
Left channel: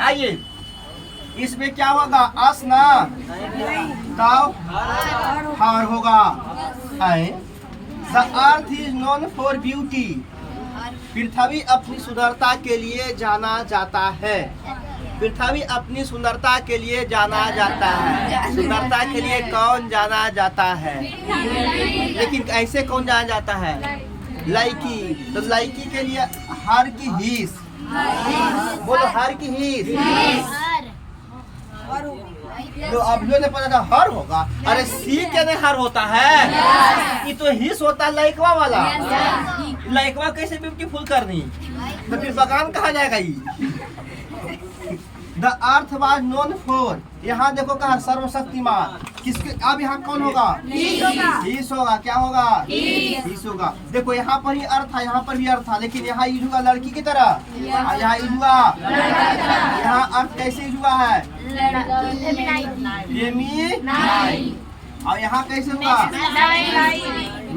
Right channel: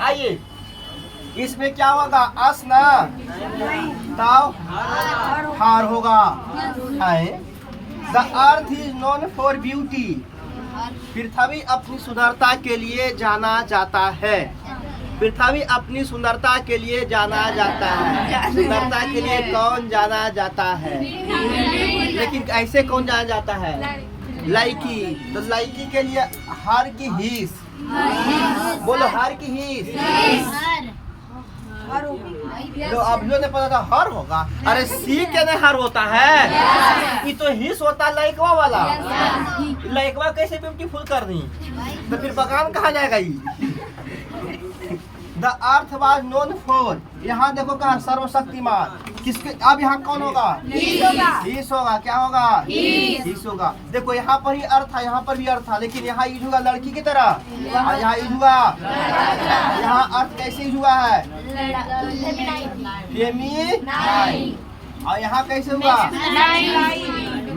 आइए, इसमें क्या होगा? अस ना ताव हार होगा। The earth is known for beauty. पृथ्वी अपनी सुंदरता के लिए जाना जाता है। पृथ्वी अपनी सुंदरता के लिए जाना जाता है। सुंदरता के लिए कौन जाना जाता है? लेकिन ऐसे कौन जाना जाता है? लड़की। तो लड़की के लिए हर की हीस, बोलो हर की हीस। तो अब लोग ने पता था हर होगा, अरे सी के नहीं हर होता है, ये तो हिस होता है लड़कवा वाला। लड़कवा कैसे ब्यूटीफुल करनी, तो फिर बगान कहाँ जाएगा ये? The earth was known for, यहाँ देखो कहा सर्वशक्तिमान। किसके? अब यहाँ कौन होगा? हीस होगा। क्या होगा? हीस होगा। देखो यहाँ पर ही अर्थ था, यहाँ पर भी अर्थ था, लेकिन यहाँ यूज हुआ लड़की की तरह, और यहाँ यूज हुआ, यहाँ अर्थ कैसे यूज हुआ है? और यहाँ कैसे हुआ?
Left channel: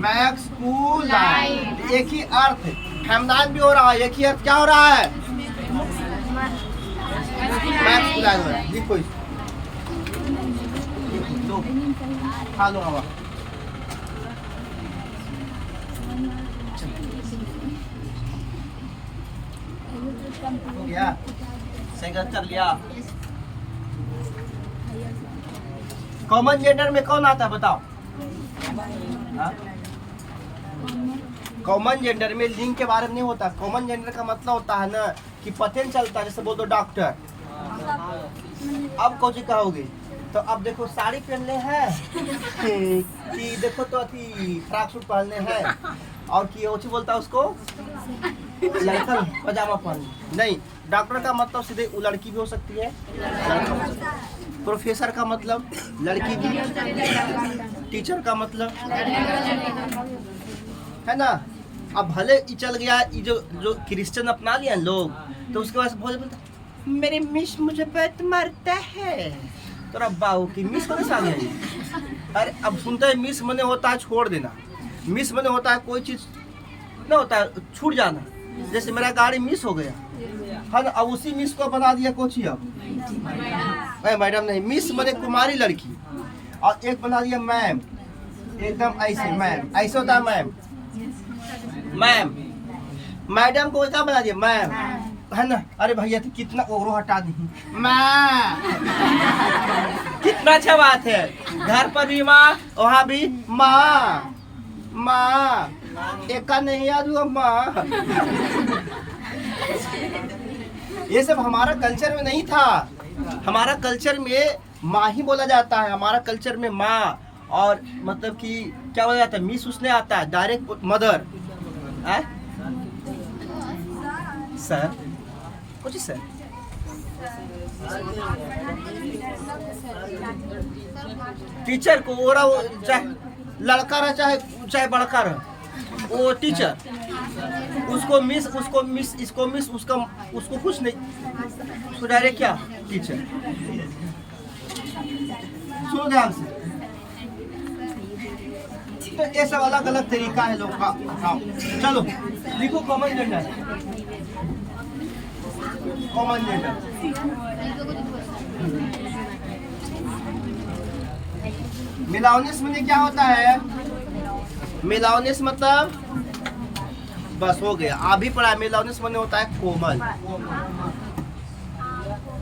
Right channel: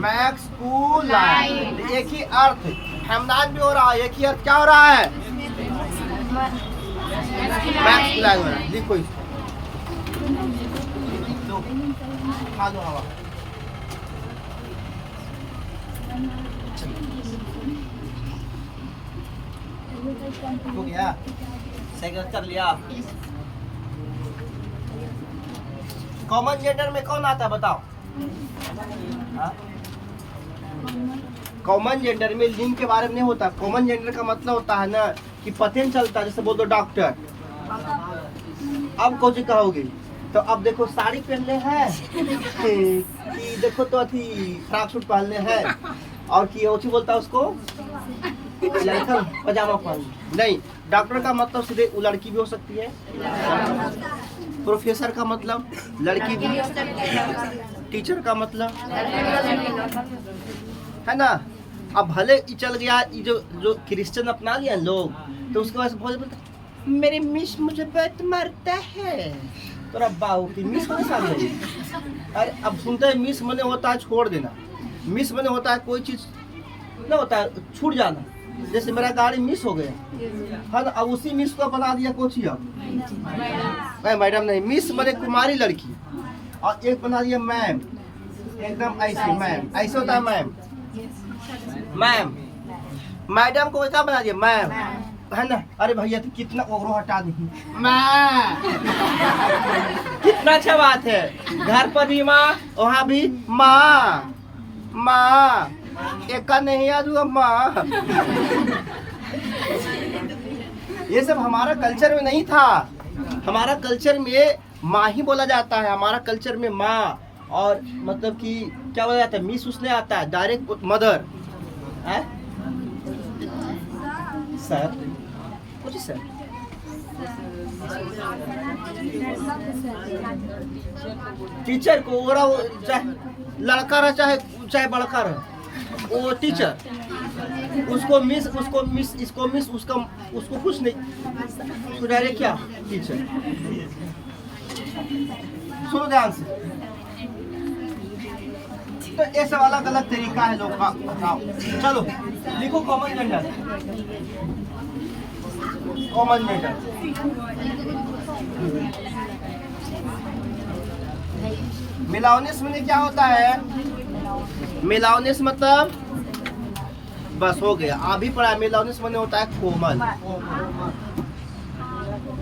मैक्सकुलाइन। एक ही अर्थ, फेमिनाइन भी हो रहा है, एक ही अर्थ क्या हो रहा है? मैक्सकुलाइन हो रहा है। देखो इसको, खा लो हवा। हो गया, सही कर लिया। कॉमन जेंडर में कौन आता है बताओ? कॉमन जेंडर में लिंग के बारे में नहीं होता। कॉमन जेंडर का मतलब होता है ना कि पता नहीं चलता, जैसे बोल दो डॉक्टर। अब कौन सी कहोगे? तो अब देखो साड़ी पहनले हैं कि देखो तो अथी फ्रॉक सूट पहनले हैं, और कि ओची बोलता है उसको पजामा पहन। नहीं, डॉक्टर का मतलब सीधे वो लड़की भी हो सकती है, प्रोफेसर का मतलब लड़की भी, टीचर का मतलब है ना। अब भले ही चल गया ये जो क्रिश्चियन अपना लिया लोग, तो उसके बाद बहुत बोलता मेरी मिस मुझे बहुत मारता है। तोरा बाऊ की मिस मने सामने। अरे अब सुनते हैं मिस मने होता है छोड़ देना, मिस मने होता है कोई चीज ना होता है छूट जाना। जैसे मेरा गाड़ी मिस हो गया है ना, अब उसी मिस को बना दिया कोची अब मैडम नहीं, मिस मने कुमारी लड़की, और एक बना दिया मैम, एकदम ऐसे मैम, ऐसे होता है मैम। मैम मैडम को क्या बना दिया मैम, है ना। अरे भैया तो कितना ओवरो हटा दी माँ, कितना अच्छा बात है। घर पर भी माँ, वहाँ भी माँ, माँ एक का नहीं याद हुआ माँ। ये सब हमारा कल्चर में नहीं था। हमारा कल्चर में माँ ही बोला जाता है, हमारा कल्चर में माँ, और मतलब कि क्या बोला जाता है, मिस उसने आता है डायरेक्ट मदर। सर कुछ सर टीचर को ओरा, चाहे लड़का रहा चाहे बड़का रहा, वो टीचर, उसको मिस, इसको मिस, उसको कुछ नहीं, उसको डायरेक्ट क्या टीचर। सुनो ध्यान से, तो ये सब अलग अलग तरीका है लोग का। चलो लिखो कॉमन जेंडर। कॉमन जेंडर मिलाउनिस में क्या होता है, मिलाउनिस मतलब बस हो गया, आप भी पढ़ा। मिलाउनिस में होता है कोमल,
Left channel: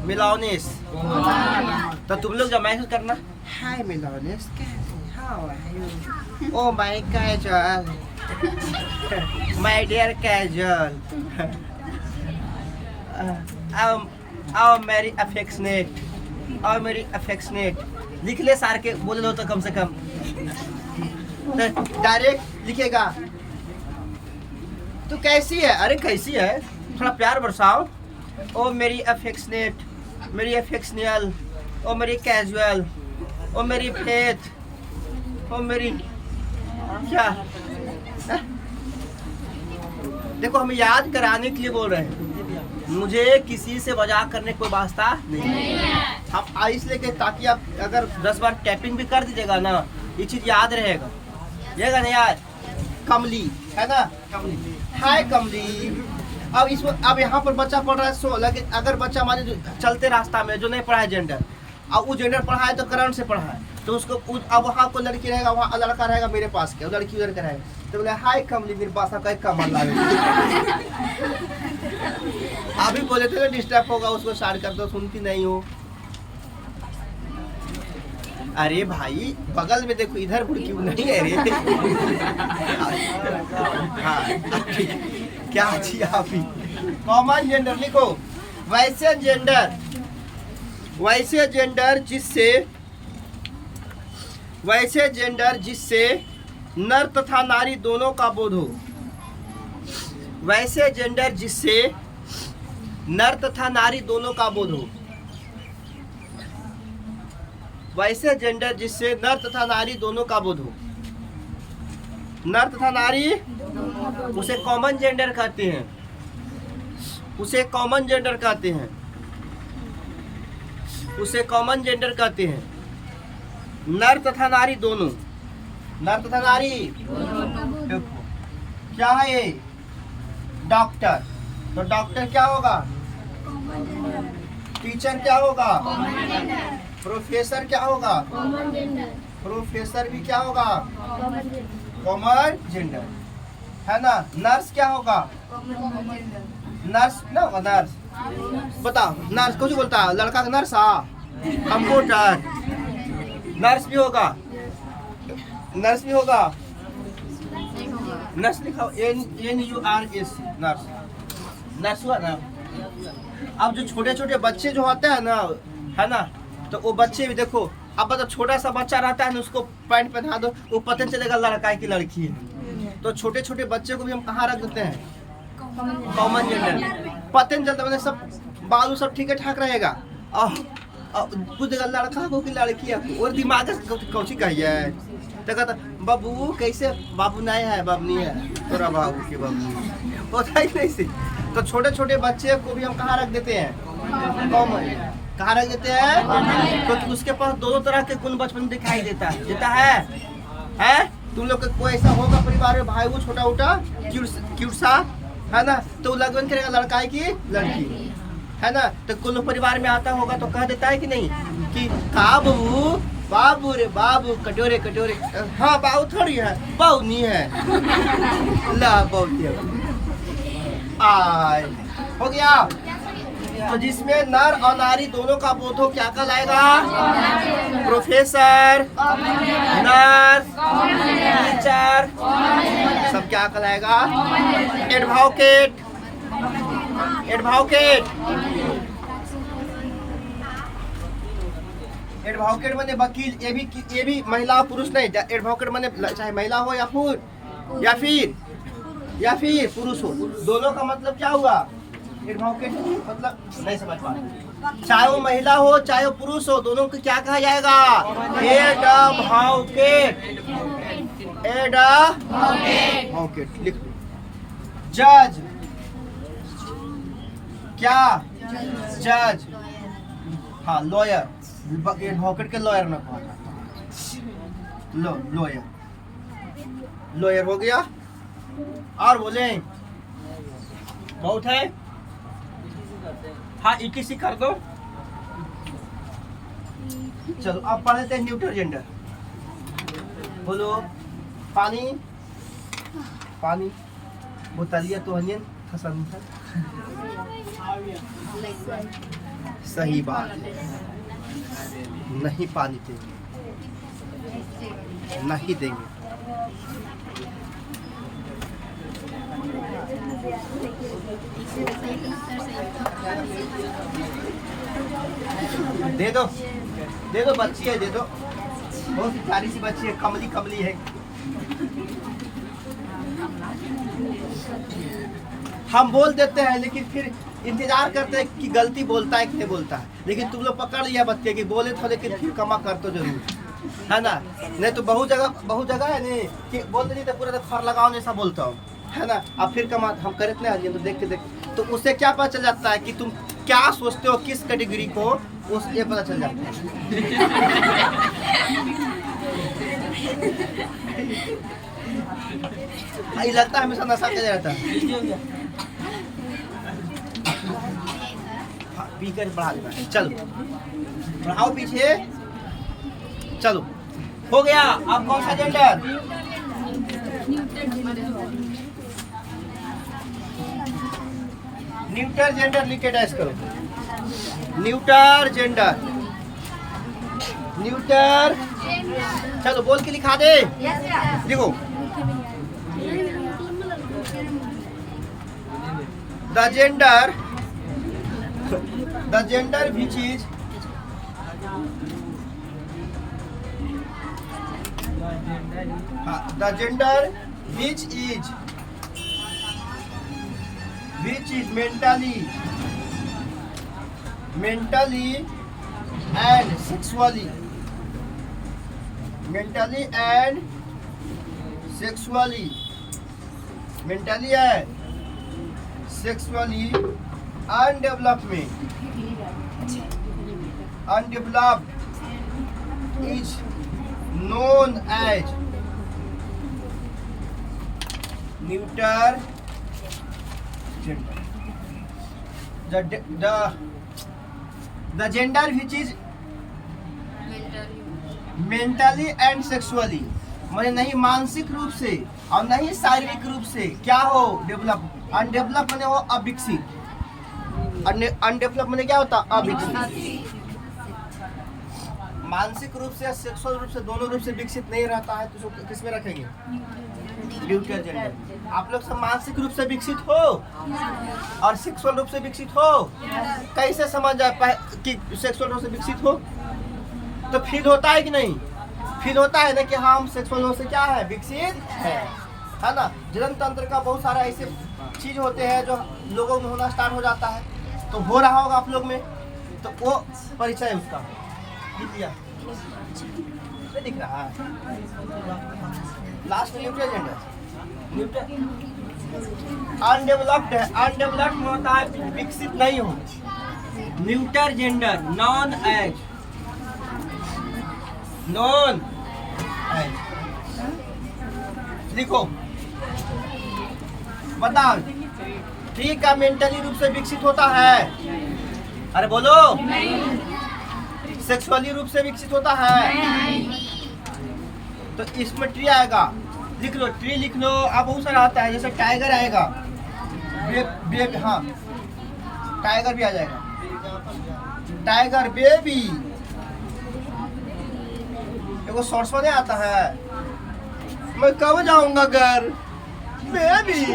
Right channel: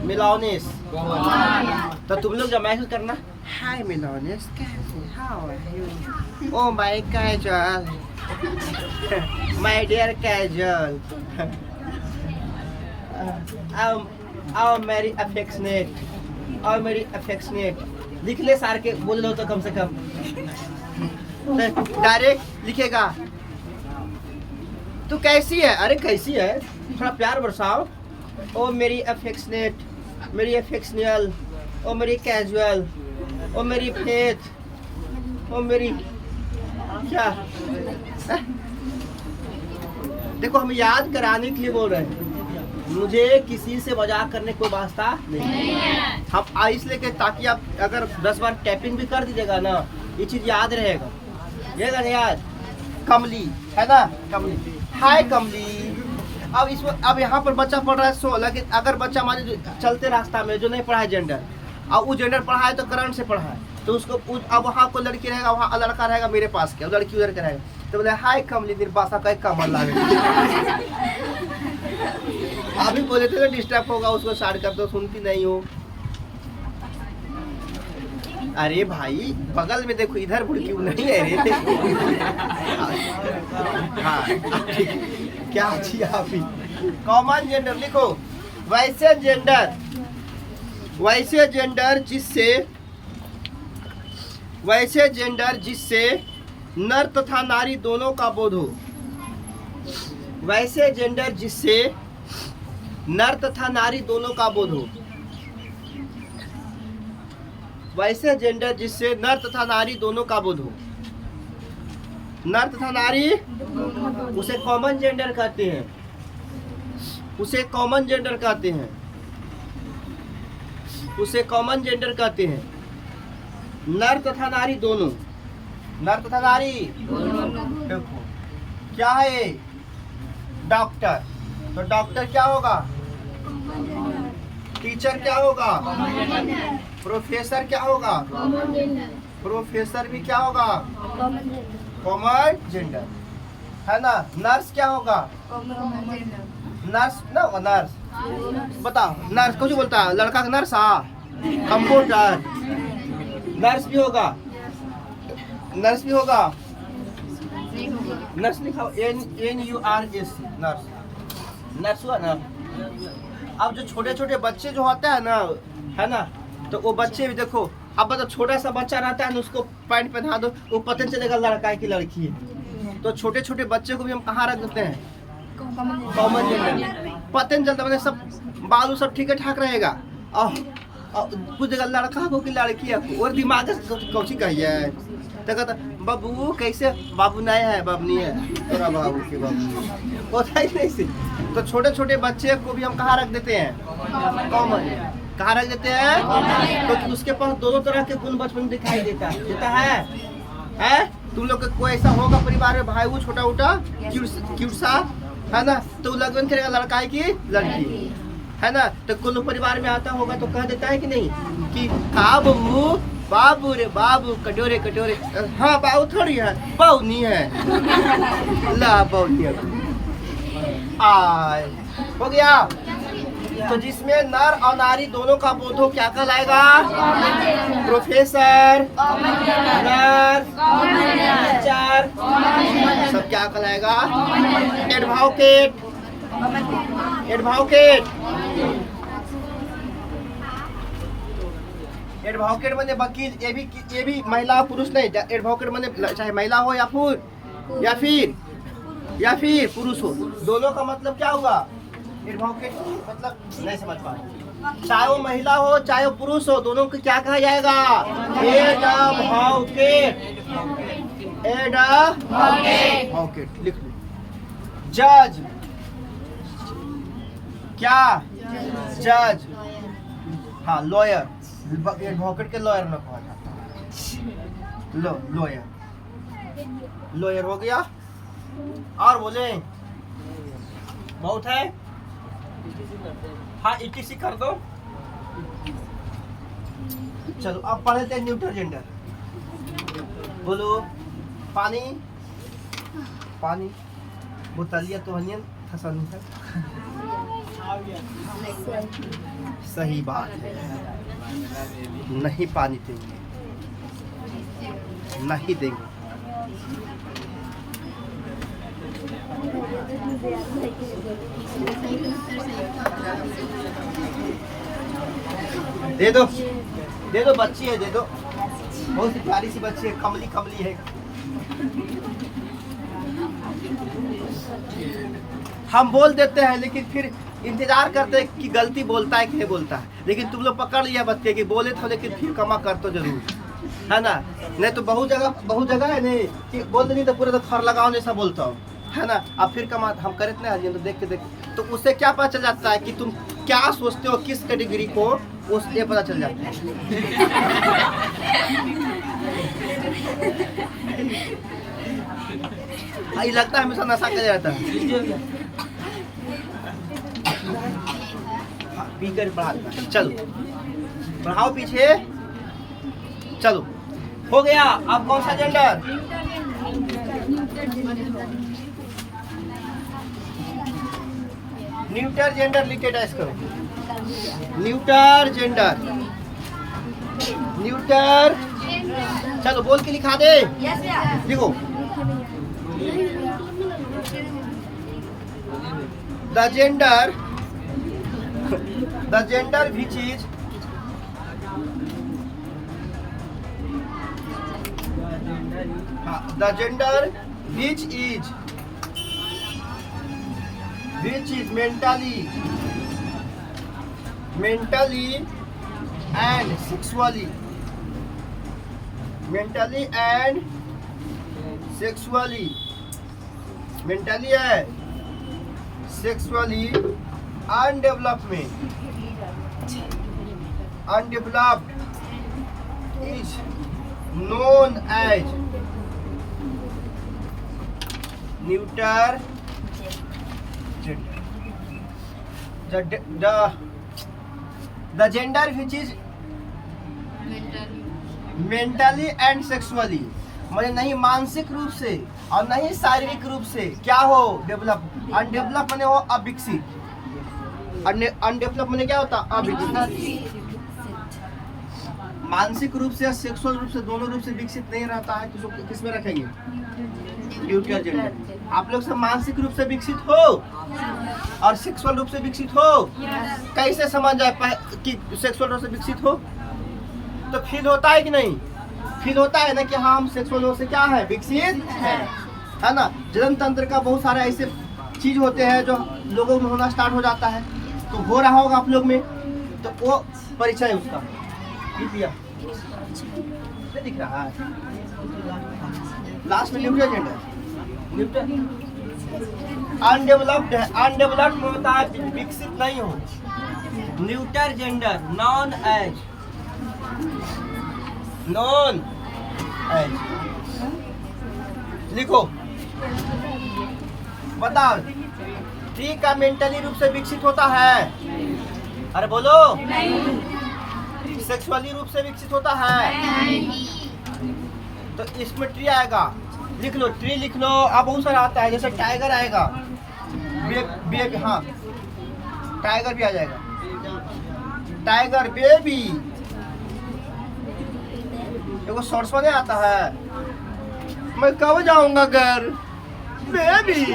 मिलाउनिस। तो तुम लोग जब मैसेज करना, हाय मिलाउनिस कैसे, how are you, oh my casual, my dear casual, आओ मेरी अफेक्शनेट, आओ मेरी अफेक्शनेट। लिख ले सार के बोले लो तो कम से कम, डायरेक्ट लिखेगा तू कैसी है, अरे कैसी है, थोड़ा प्यार बरसाओ। ओ मेरी अफेक्शनेट, मेरी अफेक्शनियल, ओ मेरी कैजुअल, ओ मेरी फेथ, ओ मेरी क्या। देखो हम याद कराने के लिए बोल रहे हैं, मुझे किसी से मजाक करने कोई वास्ता नहीं है। हम इसलिए के ताकि आप अगर 10 बार टैपिंग भी कर दीजिएगा ना, ये चीज याद रहेगा ना यार। कमली है ना, कमली, हाय कमली। अब यहाँ पर बच्चा पढ़ रहा है 16, लेकिन अगर बच्चा हमारे चलते रास्ता में जो नहीं पढ़ा है जेंडर, अब वो जेंडर पढ़ा है तो करंट से पढ़ा है, तो उसको अब वहाँ कोई लड़की रहेगा, वहाँ लड़का रहेगा मेरे पास के, लड़की उधर का रहेगा, तो बोले हाय कमली निर्बासा का कमल लागे। अभी बोले थे डिस्टर्ब होगा, उसको स्टार्ट कर दो, सुनती नहीं हो। अरे भाई बगल में देखो, इधर भुड़की नहीं है रे। हाँ ठीक, क्या अच्छी आप ही। कॉमन जेंडर लिखो, वैसे जेंडर, वैसे जेंडर जिससे नर तथा नारी दोनों का बोध हो। वैसे जेंडर जिससे नर तथा नारी दोनों का बोध हो। वैसे जेंडर जिससे नर तथा नारी दोनों का बोध हो। नर तथा नारी उसे कॉमन जेंडर कहते हैं, उसे कॉमन जेंडर कहते हैं, उसे कॉमन जेंडर कहते हैं। नर तथा नारी दोनों, नर तथा नारी क्या है ये, डॉक्टर, तो डॉक्टर क्या होगा, टीचर क्या होगा, प्रोफेसर क्या होगा, प्रोफेसर भी क्या होगा, कॉमन जेंडर है ना। नर्स क्या होगा, नर्स ना, नर्स बताओ, नर्स कुछ बोलता है लड़का का नर्स, हाँ कंप्यूटर, नर्स भी होगा, नर्स भी होगा, नर्स लिखा NURS, नर्स, नर्स हुआ ना। अब जो छोटे छोटे बच्चे जो होते हैं ना, है ना, तो वो बच्चे भी देखो, अब तो छोटा सा बच्चा रहता है ना, उसको पैंट पहना दो, वो पता चलेगा लड़का है कि लड़की है। तो छोटे छोटे बच्चे को भी हम कहाँ रख देते हैं, कॉमन जेंडर, पता नहीं चलता, मतलब सब बालू सब ठीक ठाक रहेगा, कुछ जगह लड़का हो कि लड़की है, और दिमाग कौची कहिए, तो कहता बाबू कैसे, बाबू नहीं है, बाबू नहीं है, तोरा बाबू के बाबू होता ही नहीं से। तो छोटे छोटे बच्चे को भी हम कहाँ रख देते हैं? कॉमन। कहाँ रख देते हैं? क्योंकि उसके पास दोनों तरह के गुण बचपन दिखाई देता है? तुम लोग का कोई ऐसा होगा परिवार में, भाई वो छोटा उटा क्यूट सा है ना, तो लगन करेगा लड़का है कि लड़की है ना। तो कोई परिवार में आता होगा तो कह देता है कि नहीं कि का बाबू, बाबू रे बाबू, कटोरे कटोरे। हाँ बाबू थोड़ी है, बाबू नहीं है, ला बाबू आय हो गया। तो जिसमें नर और नारी दोनों का बोध हो क्या कहलाएगा? प्रोफेसर, नर्स, टीचर, सब क्या कहलाएगा? एडवोकेट। एडवोकेट एडवोकेट माने वकील। ये भी महिला पुरुष नहीं, एडवोकेट माने चाहे महिला हो या फिर पुरुष हो, दोनों का मतलब क्या हुआ? एडवोकेट मतलब नहीं समझ पा रहे। चाहे वो महिला हो चाहे वो पुरुष हो, दोनों को क्या कहा जाएगा? एडवोकेट। एडवोकेट लिख लो। जज क्या? जज। हाँ लॉयर। एडवोकेट के लॉयर ना कहा जाता। लॉयर। लॉयर हो गया। और बोले बहुत है। हाँ ETC कर दो। चलो अब पढ़ लेते हैं न्यूट्रल जेंडर। बोलो पानी, पानी बोतलिया तो हनियन हसन। सही बात, नहीं पानी देंगे, नहीं देंगे। दे दो बच्ची है, दे दो। बहुत सी प्यारी सी बच्ची है, कमली कमली है। हम बोल देते हैं लेकिन फिर इंतजार करते हैं कि गलती बोलता है कि नहीं बोलता है। लेकिन तुम लोग पकड़ लिया बच्चे कि बोले तो, लेकिन फिर क्षमा कर तो जरूर, है ना। नहीं तो बहुत जगह है नहीं कि बोलते नहीं तो पूरे तो फर लगाओ ऐसा बोलता हूँ, है ना। अब फिर कमा हम करे तो देखते तो उससे क्या पता चल जाता है कि तुम क्या सोचते हो, किस कैटेगरी को, उससे पता चल जाता है। ये लगता है हमेशा नशा कर जाता है। बढ़ा देना। चलो बढ़ाओ पीछे। चलो हो गया। अब कौन सा जेंडर? न्यूटर जेंडर लिख के टैच करो। Neuter gender, neuter. चलो बोल के लिखा दे। देखो the gender which is the gender which is mentally and sexually undeveloped is known as neuter gender. The gender which is mentally and sexually, माने नहीं मानसिक रूप से और नहीं शारीरिक रूप से क्या हो, डेवलप। अनडेवलप माने हो अविकसित। अनडेवलप माने क्या होता? अविकसित। मानसिक रूप से, सेक्सुअल रूप से, दोनों रूप से विकसित नहीं रहता है तो किस में रखेंगे? Neutral gender. आप लोग सब मानसिक रूप से विकसित हो और सेक्सुअल रूप से विकसित हो। कैसे समझ जाए कि सेक्सुअल रूप से विकसित हो? तो फील होता है कि नहीं? फील होता है ना कि हाँ हम सेक्सुअल रूप से क्या है? विकसित है ना। जन्म तंत्र का बहुत सारा ऐसे चीज होते हैं जो लोगों में होना स्टार्ट हो जाता है, तो हो रहा होगा आप लोग में, तो वो परिचय उसका नहीं दिख रहा है। लास्ट में न्यूट्रल जेंडर, अनडेवलप्ड है, अनडेवलप्ड में होता है विकसित नहीं हो। Neuter gender non age, non age लिखो। बताओ टी का मेंटली रूप से विकसित होता है? अरे बोलो। नहीं। सेक्सुअली रूप से विकसित होता है? नहीं। तो इसमें ट्री आएगा, लिख लो, ट्री लिख लो। अब बहुत सारा आता है, जैसे टाइगर आएगा, हाँ टाइगर भी आ जाएगा, टाइगर बेबी। देखो शॉर्ट्स में आता है, मैं कब जाऊंगा घर, बेबी,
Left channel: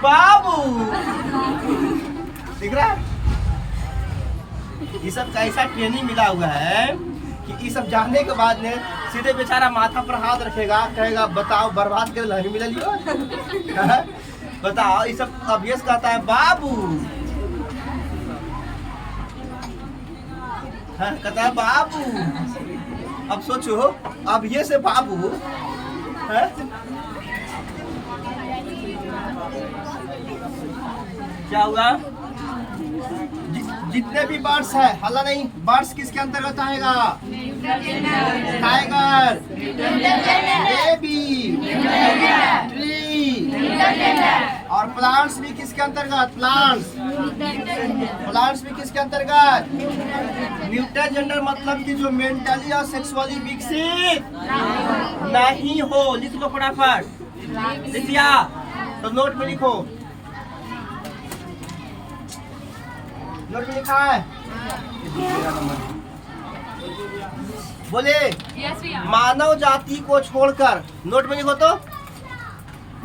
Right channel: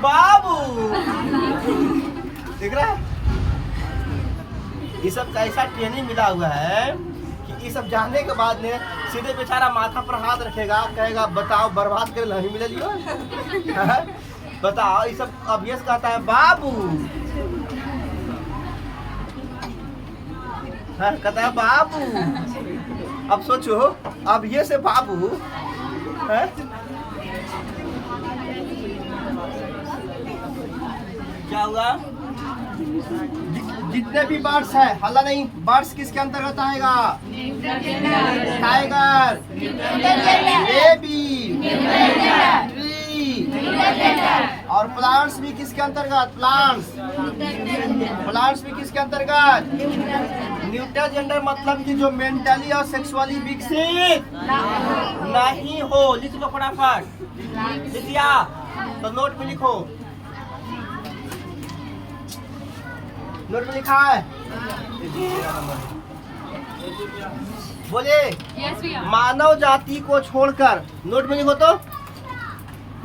बाबू। दिख रहा है? ये सब कैसा ट्रेनिंग मिला हुआ है कि ये सब जानने के बाद में सीधे बेचारा माथा पर हाथ रखेगा, कहेगा बताओ बर्बाद कर नहीं मिला लियो। बताओ, ये सब अभ्यास कहता है बाबू। हाँ, कहता है बाबू। अब सोचो, अब ये से बाबू है? क्या होगा? जितने भी बर्ड्स है, हल्ला नहीं, बर्ड्स किसके अंतर्गत आएगा? टाइगर, बेबी, ट्री, और प्लांट्स भी किसके अंतर्गत? प्लांट्स भी किसके अंतर्गत? न्यूटर जेंडर मतलब कि जो मेंटली और सेक्सुअली विकसित नहीं हो। लिख लो फटाफट, लिख दिया तो नोट में लिखो, नोट में लिखा है? बोले मानव जाति को छोड़कर, नोट में लिखो तो,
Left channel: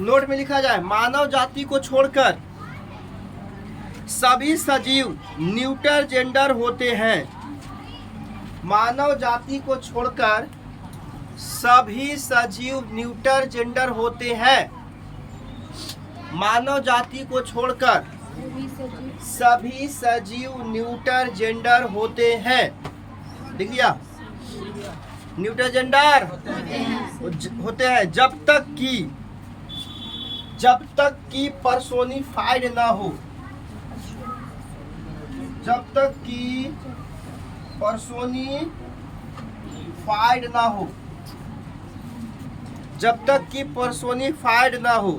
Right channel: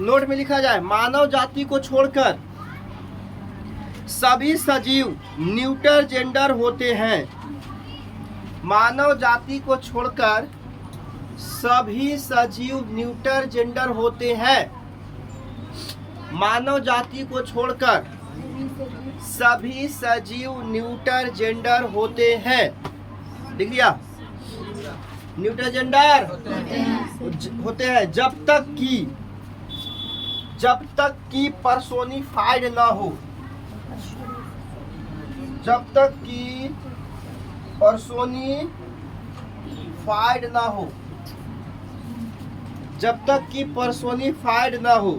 नोट में लिखा जाए मानव जाति को छोड़कर सभी सजीव न्यूटर जेंडर होते हैं। मानव जाति को छोड़कर सभी सजीव न्यूटर जेंडर होते हैं। मानव जाति को छोड़कर सभी सजीव न्यूटर जेंडर होते हैं। लिख लिया? न्यूटर जेंडर होते हैं जब तक कि पर्सोनिफाइड ना हो, जब तक कि पर्सोनिफाइड ना हो, जब तक कि पर्सोनिफाइड ना हो।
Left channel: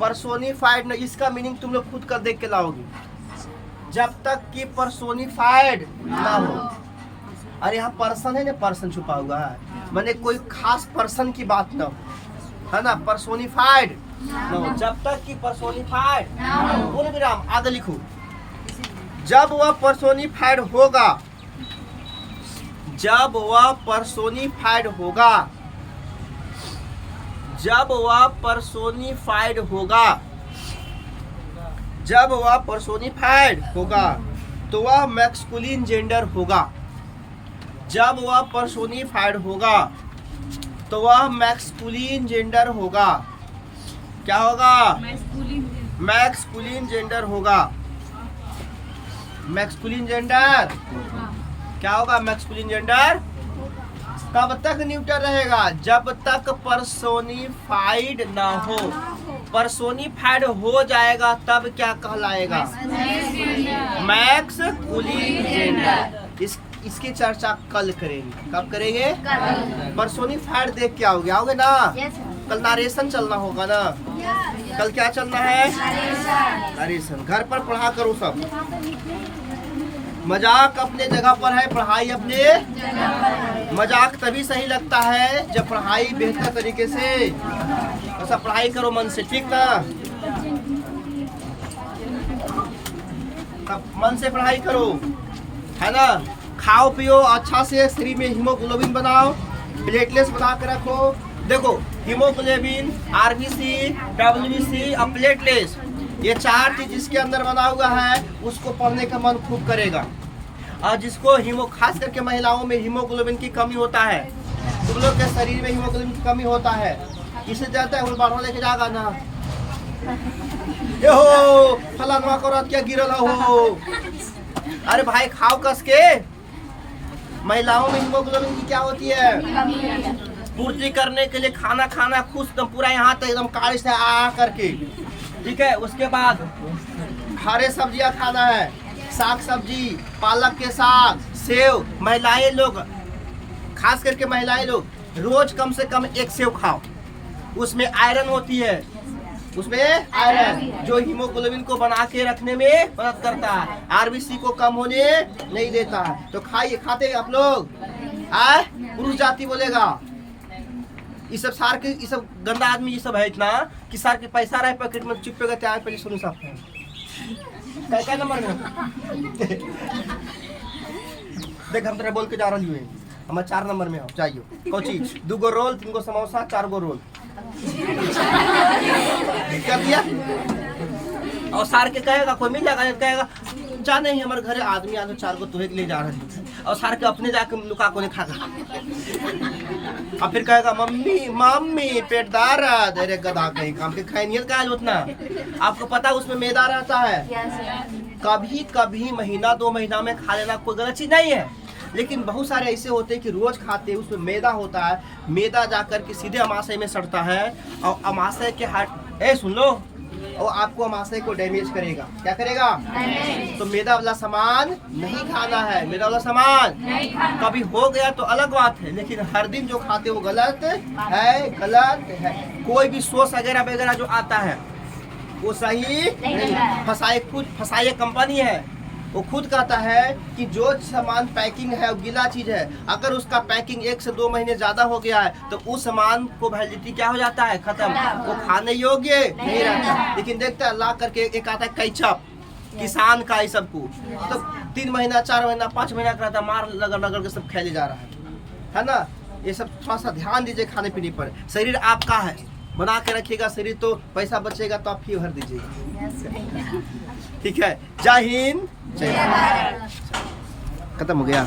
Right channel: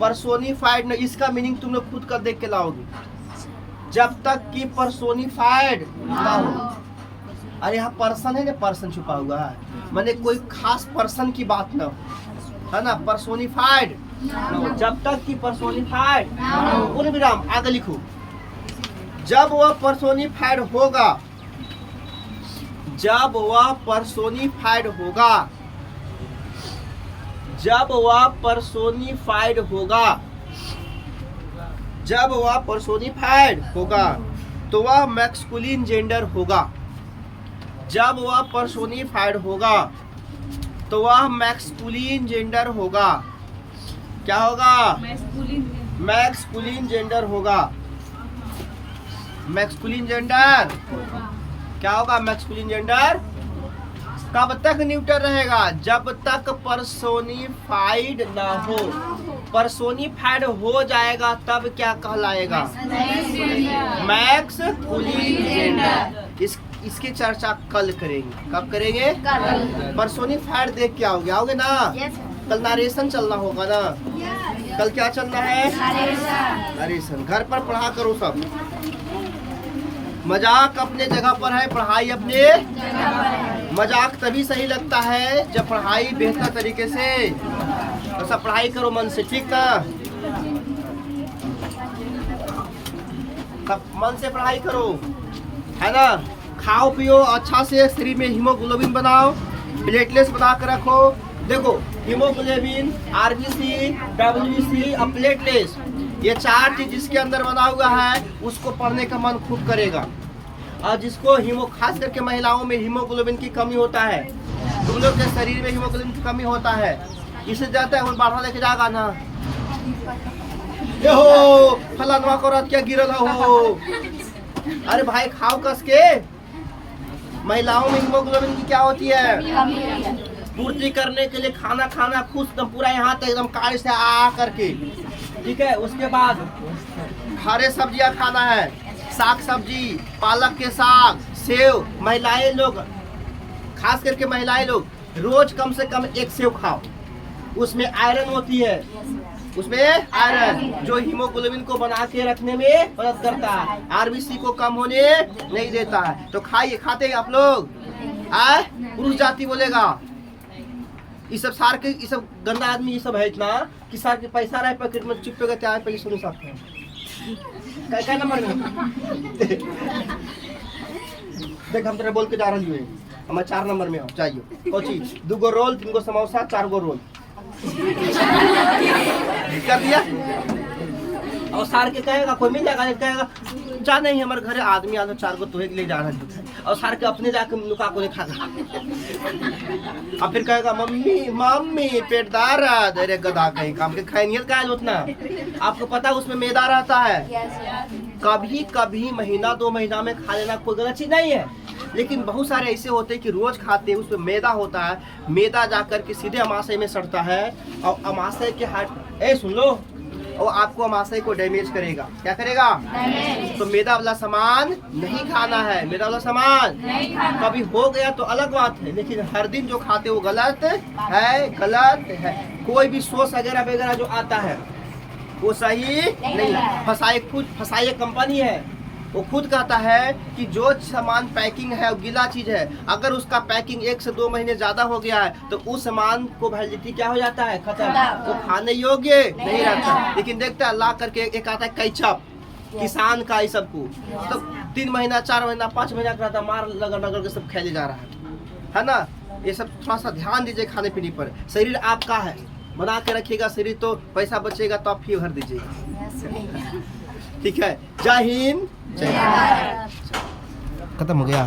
पर्सोनिफाइड ना, इसका मीनिंग तुम लोग खुद कर देख के लाओगे। जब तक कि पर्सोनिफाइड ना हो। अरे यहाँ पर्सन है ना, पर्सन छुपा हुआ है, मैंने कोई खास पर्सन की बात ना हो, है ना? पर्सोनिफाइड ना हो, जब तक कि पर्सोनिफाइड पूर्ण विराम आगे लिखो। जब वह पर्सोनिफाइड होगा, जब वह पर्सोनिफाइड होगा, जब वह पर्सोनिफाइड होगा, जब वह पर्सोनिफाइड होगा तो वह मैस्कुलिन जेंडर होगा। जब वह पर्सोनिफाइड होगा तो वह मैस्कुलिन जेंडर होगा। क्या होगा? मैस्कुलिन जेंडर होगा। मैस्कुलिन जेंडर क्या होगा? Masculine gender. कब तक न्यूटर रहेगा? जब तक पर्सोनिफाइड ना हो। पर्सोनिफाइड हो जाएगा तब क्या कहलाएगा? Masculine gender. इसकी चर्चा कल करेंगे। कब करेंगे? पर्सोनिफाइड देख के आओगे? आओगे ना? कल नारेशन चलना होगा ना? कल क्या चलना है? नारेशन। घर पर पढ़ा करो सब। मजाक अपने जगह पर है, पढ़ाई अपने मजाक तभी सही लगता है जब पढ़ाई बेहतर तरीके से, तो सब पढ़ाई करो मन से, ठीक ना? सब मन से पढ़ाई करो, है ना? खाओ पियो अच्छा से, शरीर में हीमोग्लोबिन बनाओ, प्लेटलेट्स बना कर रखो। देखो हीमोग्लोबिन, आरबीसी, डब्ल्यूबीसी और प्लेटलेट्स, ये चार चीज जिसके अंदर बना हुआ है उसको पढ़ने का मन खूब करेगा। और जिसको खास करके महिलाओं में हीमोग्लोबिन की कमी होता है, तुम लोग के शरीर में हीमोग्लोबिन की कमी होता है, इसे जाता है बाढ़ा लेके जागा ना, ये हो फलाना करो क्या गिरल हो। अरे भाई खाओ कस के। महिलाओं में हीमोग्लोबिन की क्या होती है? पूर्ति करने के लिए खाना खाना खुश एकदम पूरा यहाँ तक एकदम काली से आ करके, ठीक है। उसके बाद हरे सब्जियां खाना है, साग सब्जी, पालक के साग, सेव। महिलाएं लोग, खास करके महिलाएं लोग रोज कम से कम 1 सेव खाओ, उसमें आयरन होती है, उसमें आयरन जो हीमोग्लोबिन को बना के रखने में मदद करता है, आरबीसी को कम होने नहीं देता है। तो खाइए, खाते हैं आप लोग? आए पुरुष जाति बोलेगा ये सब सार के, ये सब गंदा आदमी ये सब है इतना कि सार के पैसा रहे पॉकेट में चिपकेगा। क्या पहले सुनो साहब क्या नंबर में देख, हम तेरा बोल के जा रही हूँ, हमारे 4 नंबर में हो चाहिए। कौन चीज? 2 गो रोल, 3 गो समोसा, 4 गो रोल क्या भैया? और सार के कहेगा कोई मिल जाएगा, कहेगा जा नहीं हमारे घर आदमी आधा 4 गो तुहे ले जा रहा है, और सार के अपने जाके लुका को नहीं खागा। और फिर कहेगा मम्मी मम्मी पेट दर्द, अरे गधा कहीं काम के खाए नहीं का उतना। आपको पता उसमें मैदा रहता है, कभी कभी महीना 2 महीना में खा लेना कोई गलत चीज नहीं है, लेकिन बहुत सारे ऐसे होते हैं कि रोज खाते हैं, उसमें मैदा होता है, मैदा जाकर के सीधे अमाशय में सड़ता है, और अमाशय के हाथ सुन लो, और आपको अमाशय को डैमेज करेगा। क्या करेगा? तो मैदा वाला सामान नहीं खाना है, मैदा वाला सामान कभी हो गया तो अलग बात है, लेकिन हर दिन जो खाते वो गलत है, गलत है। कोई भी सॉस वगैरह वगैरह जो आता है वो सही नहीं है। फसाई कंपनी है, वो खुद कहता है कि जो सामान पैकिंग है वो गीला चीज है, अगर उसका पैकिंग 1 से 2 महीने ज्यादा हो गया है तो उस सामान को वैलिडिटी क्या हो जाता है? खत्म, वो खाने योग्य नहीं रहता। लेकिन देखता है ला करके एक आता है कैचअप, किसान का, ये सब को तो 3 महीना 4 महीना 5 महीना का रहता, मार लगा के सब खेले जा रहा है ना। ये सब थोड़ा सा ध्यान दीजिए खाने पीने पर। शरीर आपका है, बना के रखिएगा शरीर, तो पैसा बचेगा तो आप फी भर दीजिएगा। ठीक है, जय हिंद, जय भारत। खत्म हो गया।